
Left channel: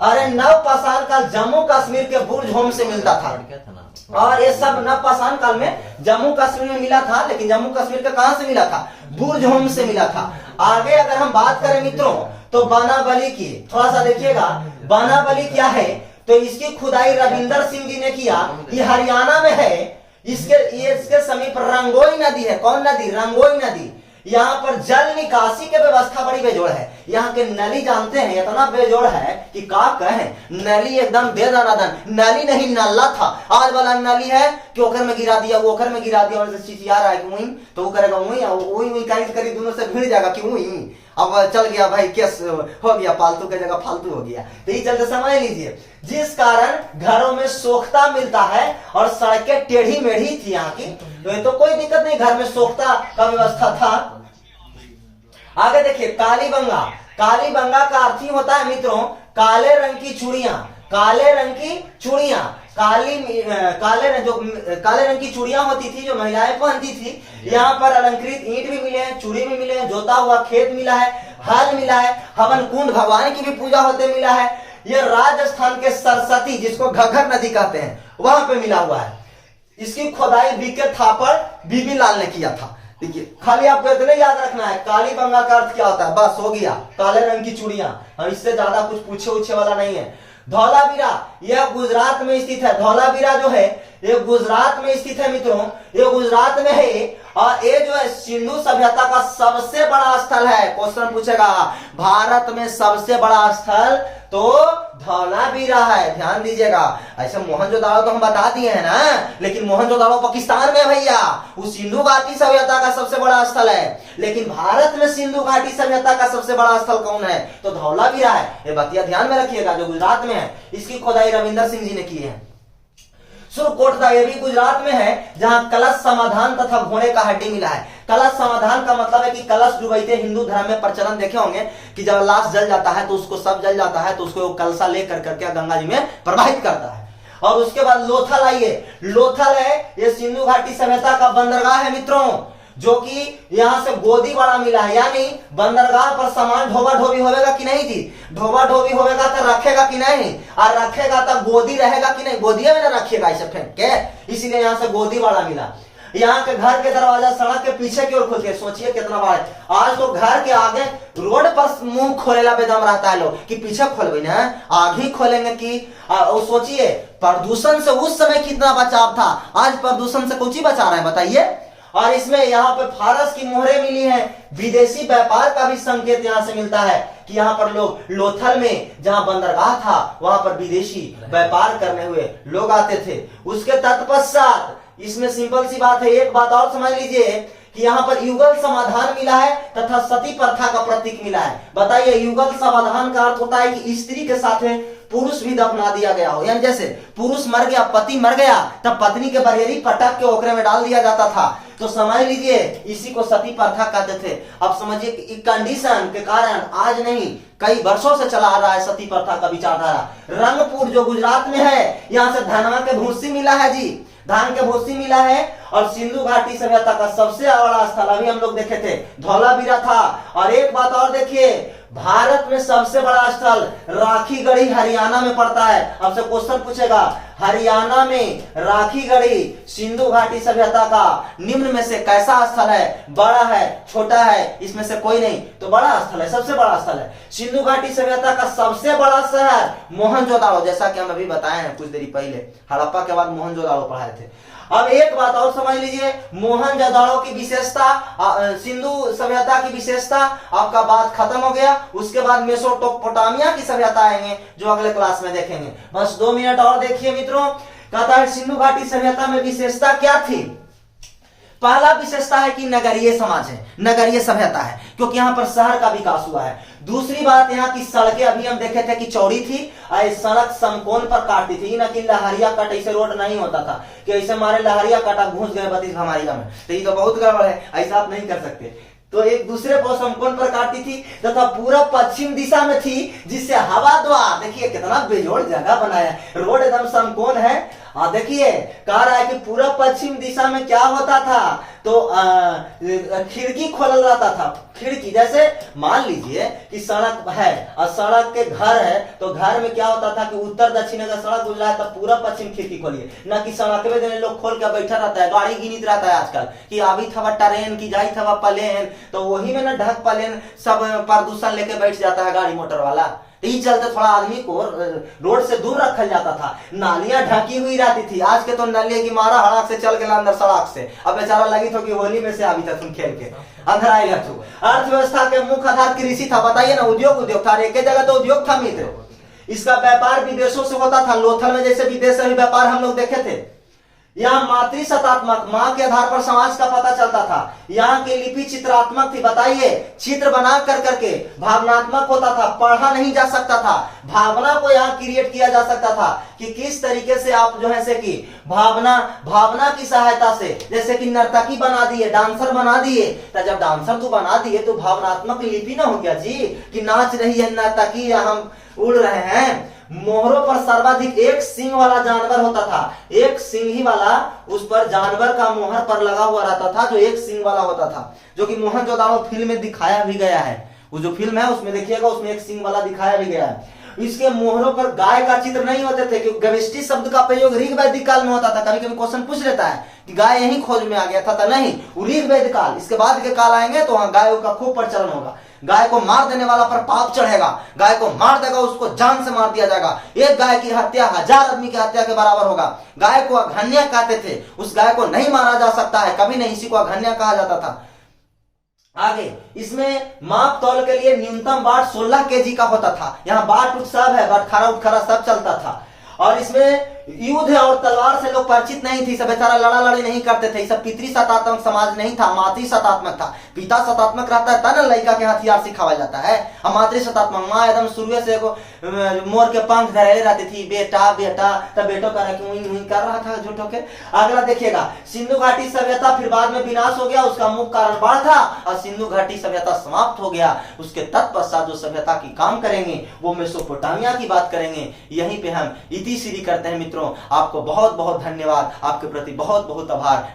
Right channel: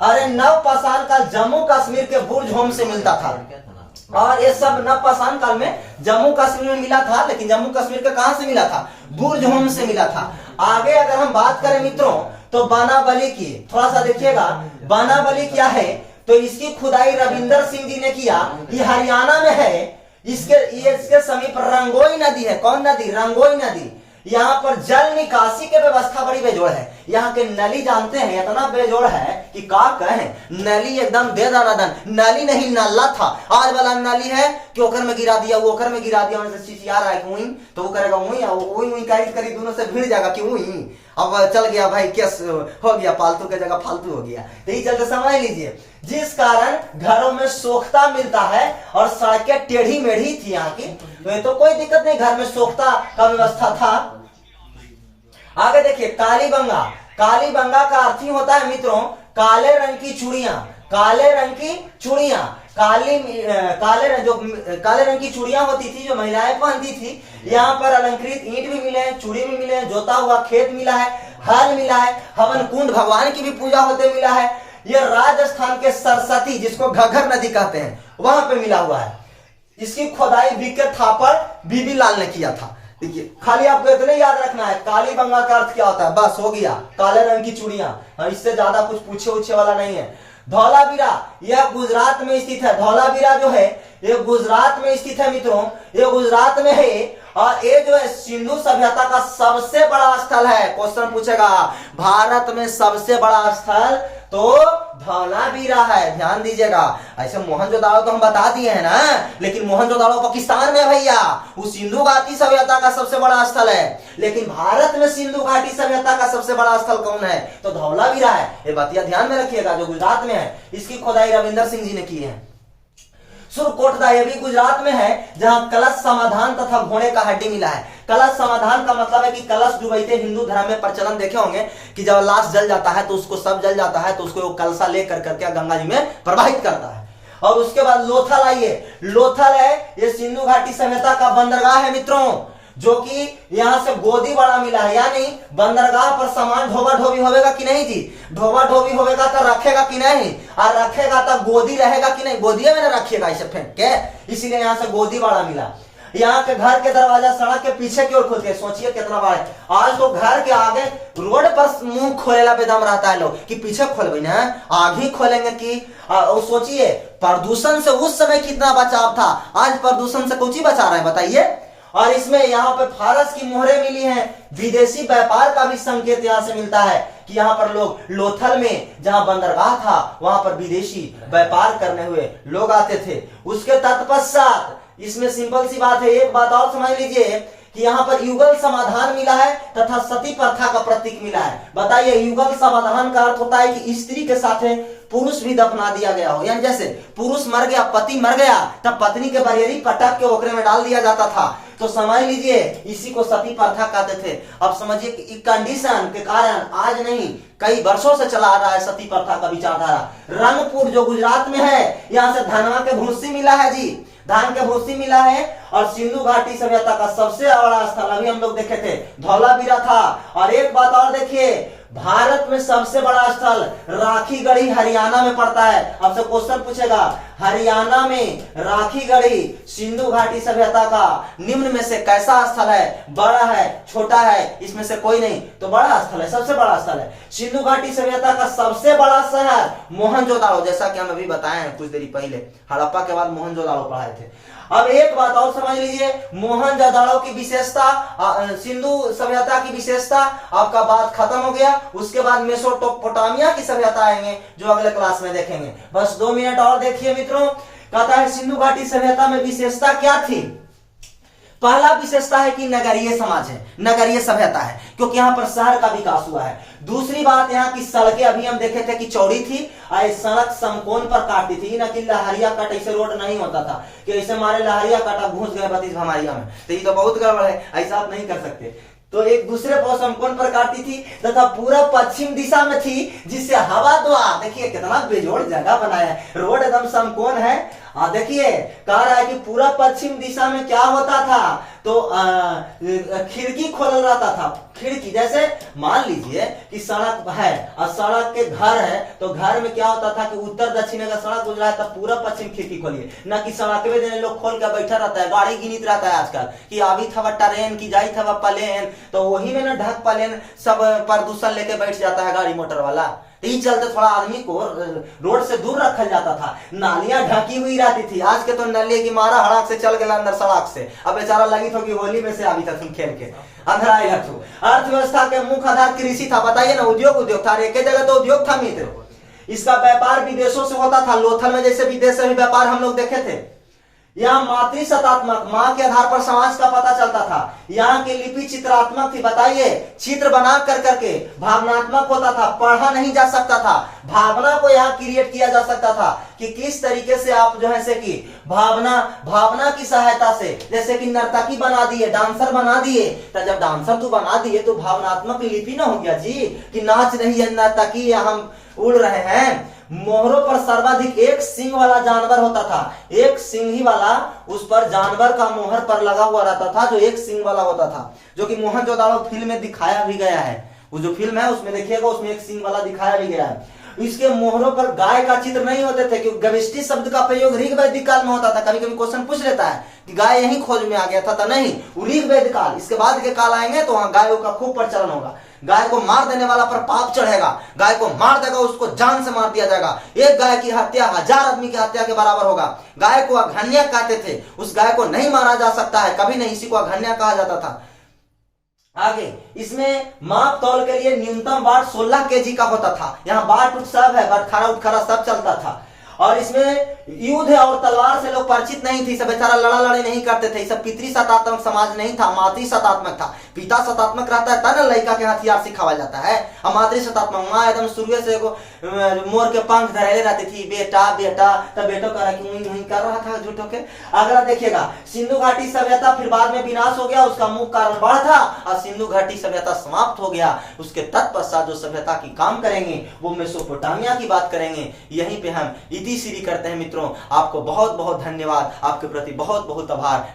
अरे नवपाषाण काल जम्मू कश्मीर के बुर्ज होम से मिलता था, और ये सब नवपाषाण काल में जम्मू कश्मीर में मिला था, लेकिन जम्मू कश्मीर के कहां से मिला था, बुर्ज होम से मिला था। आगे अगर हम बात करें मित्रों तो बानाबली की, थोड़ा सा देखिएगा बानाबली क्या है, तो इसकी खुदाई रविंदर सिंह जी ने किया, ये हरियाणा में है। इसके समीप रंगोई नदी है, कौन नदी, रंगोई नदी, यहाँ पर जल निकासी के व्यवस्था बड़ी बेजोड़ है। यहाँ के नली जानते हैं इतना बेजोड़ है कि का कहे, नली एकदम बेदनादन, नली नहीं नाला था। आज वाला नली है कि ओकर में गिरा दिया, वो ओकर में गिरा दिया, मतलब चिचिया रहा है कि वही तो वो करेगा वही करी दोनों से भिड़ जाएगा कि वही अब चल गया भाई, केस हो गया, पालतू की जगह फालतू हो गया। तो ये चलते समझ लीजिए, जिस कारण घरों में सोखता मिलता है और सड़कें टेढ़ी मेढ़ी थी यहाँ की, तो ये तो कोई दिक्कत नहीं, घर में सोखता का व्यवस्था था। आगे देखिए, कालीबंगा। कालीबंगा का अर्थ ही होता है मित्रों काले रंग की चूड़ियां, काले रंग की चूड़ियां, काले रंग की चूड़ियां होती थी जो महिलाएं पहनती थी। यहाँ पर अलंकृत ईंट भी मिले हैं, चूड़ी भी मिले हैं, जोता हुआ खेत मिला है, हल मिला है, हवन कुंड भगवान की भी पूजा होते मिला है। यह राजस्थान के सरस्वती, जिसको घग्घर नदी कहते हैं, वहां पे मिला हुआ है। इसकी खुदाई बीके थापर बीबी लाल ने किया था। देखिए, खाली आपको इतने याद रखना है कालीबंगा का अर्थ क्या होता है, बस हो गया, काले रंग की चूड़ियां, इससे ज्यादा कुछ पूछे उछे वाला नहीं है। धौलावीरा, यह गुजरात में स्थित है। धौलावीरा जो है ये गुजरात में स्थित है मित्रों, ये गुजरात में है और ये जो है सिंधु सभ्यता का सबसे बड़ा स्थल है। क्वेश्चन पूछेगा भारत में सबसे बड़ा स्थल तो धौलावीरा है, ध्यान दीजिएगा। ऐसे मोहनजोदाड़ो तो हम बता दिए हैं ना, लेकिन मोहनजोदाड़ो पाकिस्तान में है भैया, वो सिंधु घाटी सभ्यता का सबसे बड़ा स्थल है। लेकिन भारत में सिंधु घाटी सभ्यता का सबसे बड़ा स्थल कौन है, तो धौलावीरा है। ये बातिया ध्यान में रखिएगा, जो गुजरात में है। इसकी खुदाई रविंदर सिंह जी ने की है। सुरकोटदा, ये भी गुजरात में है, जहां कलश समाधान तथा घोड़े का हड्डी मिला है। कलश समाधान का मतलब है कि कलश डुबाते हिंदू धर्म में प्रचलन देखे होंगे कि जब लाश जल जाता है तो उसको सब जल जाता है तो उसको कलशा लेकर करके गंगा जी में प्रवाहित करता है। और उसके बाद लोथल आइए, लोथल है ये सिंधु घाटी सभ्यता का बंदरगाह है मित्रों, जो कि यहां से गोदी बड़ा मिला है। यानी बंदरगाह पर सामान ढोबा ढोबी होगा कि नहीं जी, ढोबा ढोबी होगा तो रखेगा कि नहीं, और रखेगा तो गोदी रहेगा कि नहीं, गोदिया में ना रखिएगा इसे फेंक के, इसीलिए यहां से गोदी बड़ा मिला। यहाँ के घर के दरवाजा सड़क के पीछे की ओर खुलते, सोचिए कितना बड़ा है। आज लोग घर के आगे रोड पर मुंह खोलेला बेदम रहता है लोग कि पीछे खोलबे ना, आगे खोलेंगे कि सोचिए प्रदूषण से उस समय कितना बचाव था, आज प्रदूषण से कुछ बचा रहे हैं बताइए। और इसमें यहाँ पे फारस की मोहरें मिली हैं, विदेशी व्यापार का भी संकेत यहाँ से मिलता है कि यहाँ पर लोग लोथल में जहाँ बंदरगाह था वहां पर विदेशी व्यापार करने हुए लोग आते थे। उसके तत्पश्चात इसमें सिंपल सी बात है, एक बात और समझ लीजिए कि यहाँ पर युगल समाधान मिला है तथा सती प्रथा का प्रतीक मिला है। बताइए, युगल समाधान का अर्थ होता है कि स्त्री के साथ पुरुष भी दफना दिया गया हो, यानी जैसे पुरुष मर गया, पति मर गया, तब पत्नी के बरेली पटक के ओकरे में डाल दिया जाता था। तो समझ लीजिए इसी को सती प्रथा कहते थे। अब समझिए कि कंडीशन के कारण आज नहीं कई वर्षों से चला आ रहा है सती प्रथा का विचारधारा। रंगपुर जो गुजरात में है, यहाँ से धनवा के भूसी मिला है जी, धान के भूसी मिला है। और सिंधु घाटी सभ्यता का सबसे बड़ा स्थल अभी हम लोग देखे थे धौलावीरा था। और एक बात और देखिए, भारत में सबसे बड़ा स्थल राखीगढ़ी हरियाणा में पड़ता है। अब से क्वेश्चन पूछेगा, हरियाणा में राखीगढ़ी सिंधु घाटी सभ्यता का निम्न में से कैसा स्थल है, बड़ा है, छोटा है, इसमें से कोई नहीं, तो बड़ा स्थल है, सबसे बड़ा स्थल है। सिंधु घाटी सभ्यता का सबसे बड़ा शहर मोहनजोदाड़ो, जैसा कि हम अभी बताए हैं कुछ देरी पहले, हड़प्पा के बाद मोहनजोदाड़ो पढ़ाए थे। अब एक बात और समझ लीजिए, मोहनजोदाड़ो की विशेषता, सिंधु सभ्यता की विशेषता, आपका बात खत्म हो गया। उसके बाद मेसोपोटामिया की सभ्यता आएंगे जो अगले क्लास में देखेंगे। बस 2 मिनट और देखिए मित्रों, कहता है सिंधु घाटी सभ्यता में विशेषता क्या थी। पहला विशेषता है कि नगरीय समाज है, नगरीय सभ्यता है, क्योंकि यहाँ पर शहर का विकास हुआ है। दूसरी बात यहाँ की सड़कें अभी हम देखे थे कि चौड़ी थी, सड़क समकोण पर काटती थी, न कि लहरिया कट, ऐसे रोड नहीं होता था कि ऐसे मारे लहरिया कटा घुस गए बत्तीस हमारिया में, तो ये तो बहुत गड़बड़ है, ऐसा आप नहीं कर सकते। तो एक दूसरे को समकोण पर काटती थी तथा पूरा पश्चिम दिशा में थी, जिससे हवा द्वार, देखिए कितना बेजोड़ जगह बनाया है, रोड एकदम समकोण है। देखिए कह रहा है कि पूरा पश्चिम दिशा में क्या होता था, तो खिड़की खोल रहता था। खिड़की जैसे मान लीजिए कि सड़क है और सड़क के घर है, तो घर में क्या होता था कि उत्तर दक्षिण अगर सड़क गुजरा है तब पूरा पश्चिम खिड़की खोलिए, न कि सड़क में देने लोग खोल के बैठा रहता है, गाड़ी गिनित रहता है आजकल कि अभी थवा ट्रेन की जाई थवा प्लेन, तो वही में ना ढक प्लेन सब प्रदूषण लेके बैठ जाता है गाड़ी मोटर वाला। इस चलते थोड़ा आदमी को रोड से दूर रखल जाता था। नालियां ढकी हुई रहती थी। आज के तो नाली की मारा हड़क से चल गया अंदर सड़क से, अब बेचारा लगी तो कि होली में से अभी तक तुम खेल के अंदर आएगा। अर्थव्यवस्था के मुख्य आधार कृषि था, बताइए ना, उद्योग था। एक जगह तो उद्योग था मित्र। इसका व्यापार विदेशों से होता था। लोथल में जैसे विदेश से भी व्यापार हम लोग देखे थे। यहाँ मातृशतात्मक, माँ के आधार पर समाज का पता चलता था। यहाँ की लिपि चित्रात्मक थी, बताइए, चित्र बना कर करके भावनात्मक होता था। पढ़ा नहीं जा सकता था, भावना को यहाँ क्रिएट किया जा सकता था कि किस तरीके से आप जो है से कि भावना की सहायता से, जैसे कि नर्तकी बना दिए, डांसर बना दिए, तो जब डांसर तो बना दिए तो भावनात्मक लिपि ना हो गया जी कि नाच रही है नर्तकी या हम उड़ रहे हैं। मोहरों पर सर्वाधिक एक सींग वाला जानवर होता था। एक सींग ही वाला उस पर जानवर का मोहर पर लगा हुआ रहता था, जो एक सींग वाला होता था, जो कि मोहनजोदड़ो फिल्म में दिखाया भी गया है। वो जो फिल्म है उसमें देखिएगा, उसमें एक सींग वाला दिखाया भी गया है। इसके मोहरों पर गाय का चित्र नहीं होते थे, क्योंकि गविष्टि शब्द का प्रयोग ऋग वैदिक काल में होता था। कभी कभी क्वेश्चन पूछ लेता है कि गाय यही खोज में आ गया था, नहीं, वो ऋग वैदिक काल, इसके बाद के काल आएंगे तो वहां गायों का खूब प्रचलन होगा। गाय को मार देने वाला पर पाप चढ़ेगा। गाय को मार देगा उसको जान से मार दिया जाएगा। एक गाय की हत्या 1000 आदमी की हत्या के बराबर होगा। गाय को अघन्या कहते थे, उस गाय को नहीं मारा जा सकता है, कभी नहीं, इसी को अघन्या कहा जाता था। आगे इसमें माप तौल के लिए न्यूनतम वाट 16 केजी का होता था। यहाँ बाट उठ सब है, बटखरा उठखरा सब चलता था। और इसमें युद्ध और तलवार से लोग परिचित नहीं थी, सब बेचारा लड़ा लड़ी नहीं करते थे। सब पितृ सतात्मक समाज नहीं था, मातृ सतात्मक था। पिता सतात्मक रहता है ना, लड़का के हथियार सिखाया जाता है। और मातृ सतात्मक, माँ एकदम शुरू से मोर के पंख धरेले रहती थी, बेटा बेटा, तब बेटो कर रहा था झूठो के। अगला देखिएगा, सिंधु घाटी सभ्यता फिर बाद में विनाश हो गया, उसका मुख्य कारण बाढ़ था और सिंधु घाटी सभ्यता समाप्त हो गया। उसके तत्पश्चात जो सभ्यता की काम करेंगे वो मेसोपोटामिया की बात करेंगे। यहीं पे हम इति सीरी करते हैं मित्रों। आपको बहुत बहुत धन्यवाद, आपके प्रति बहुत बहुत आभार।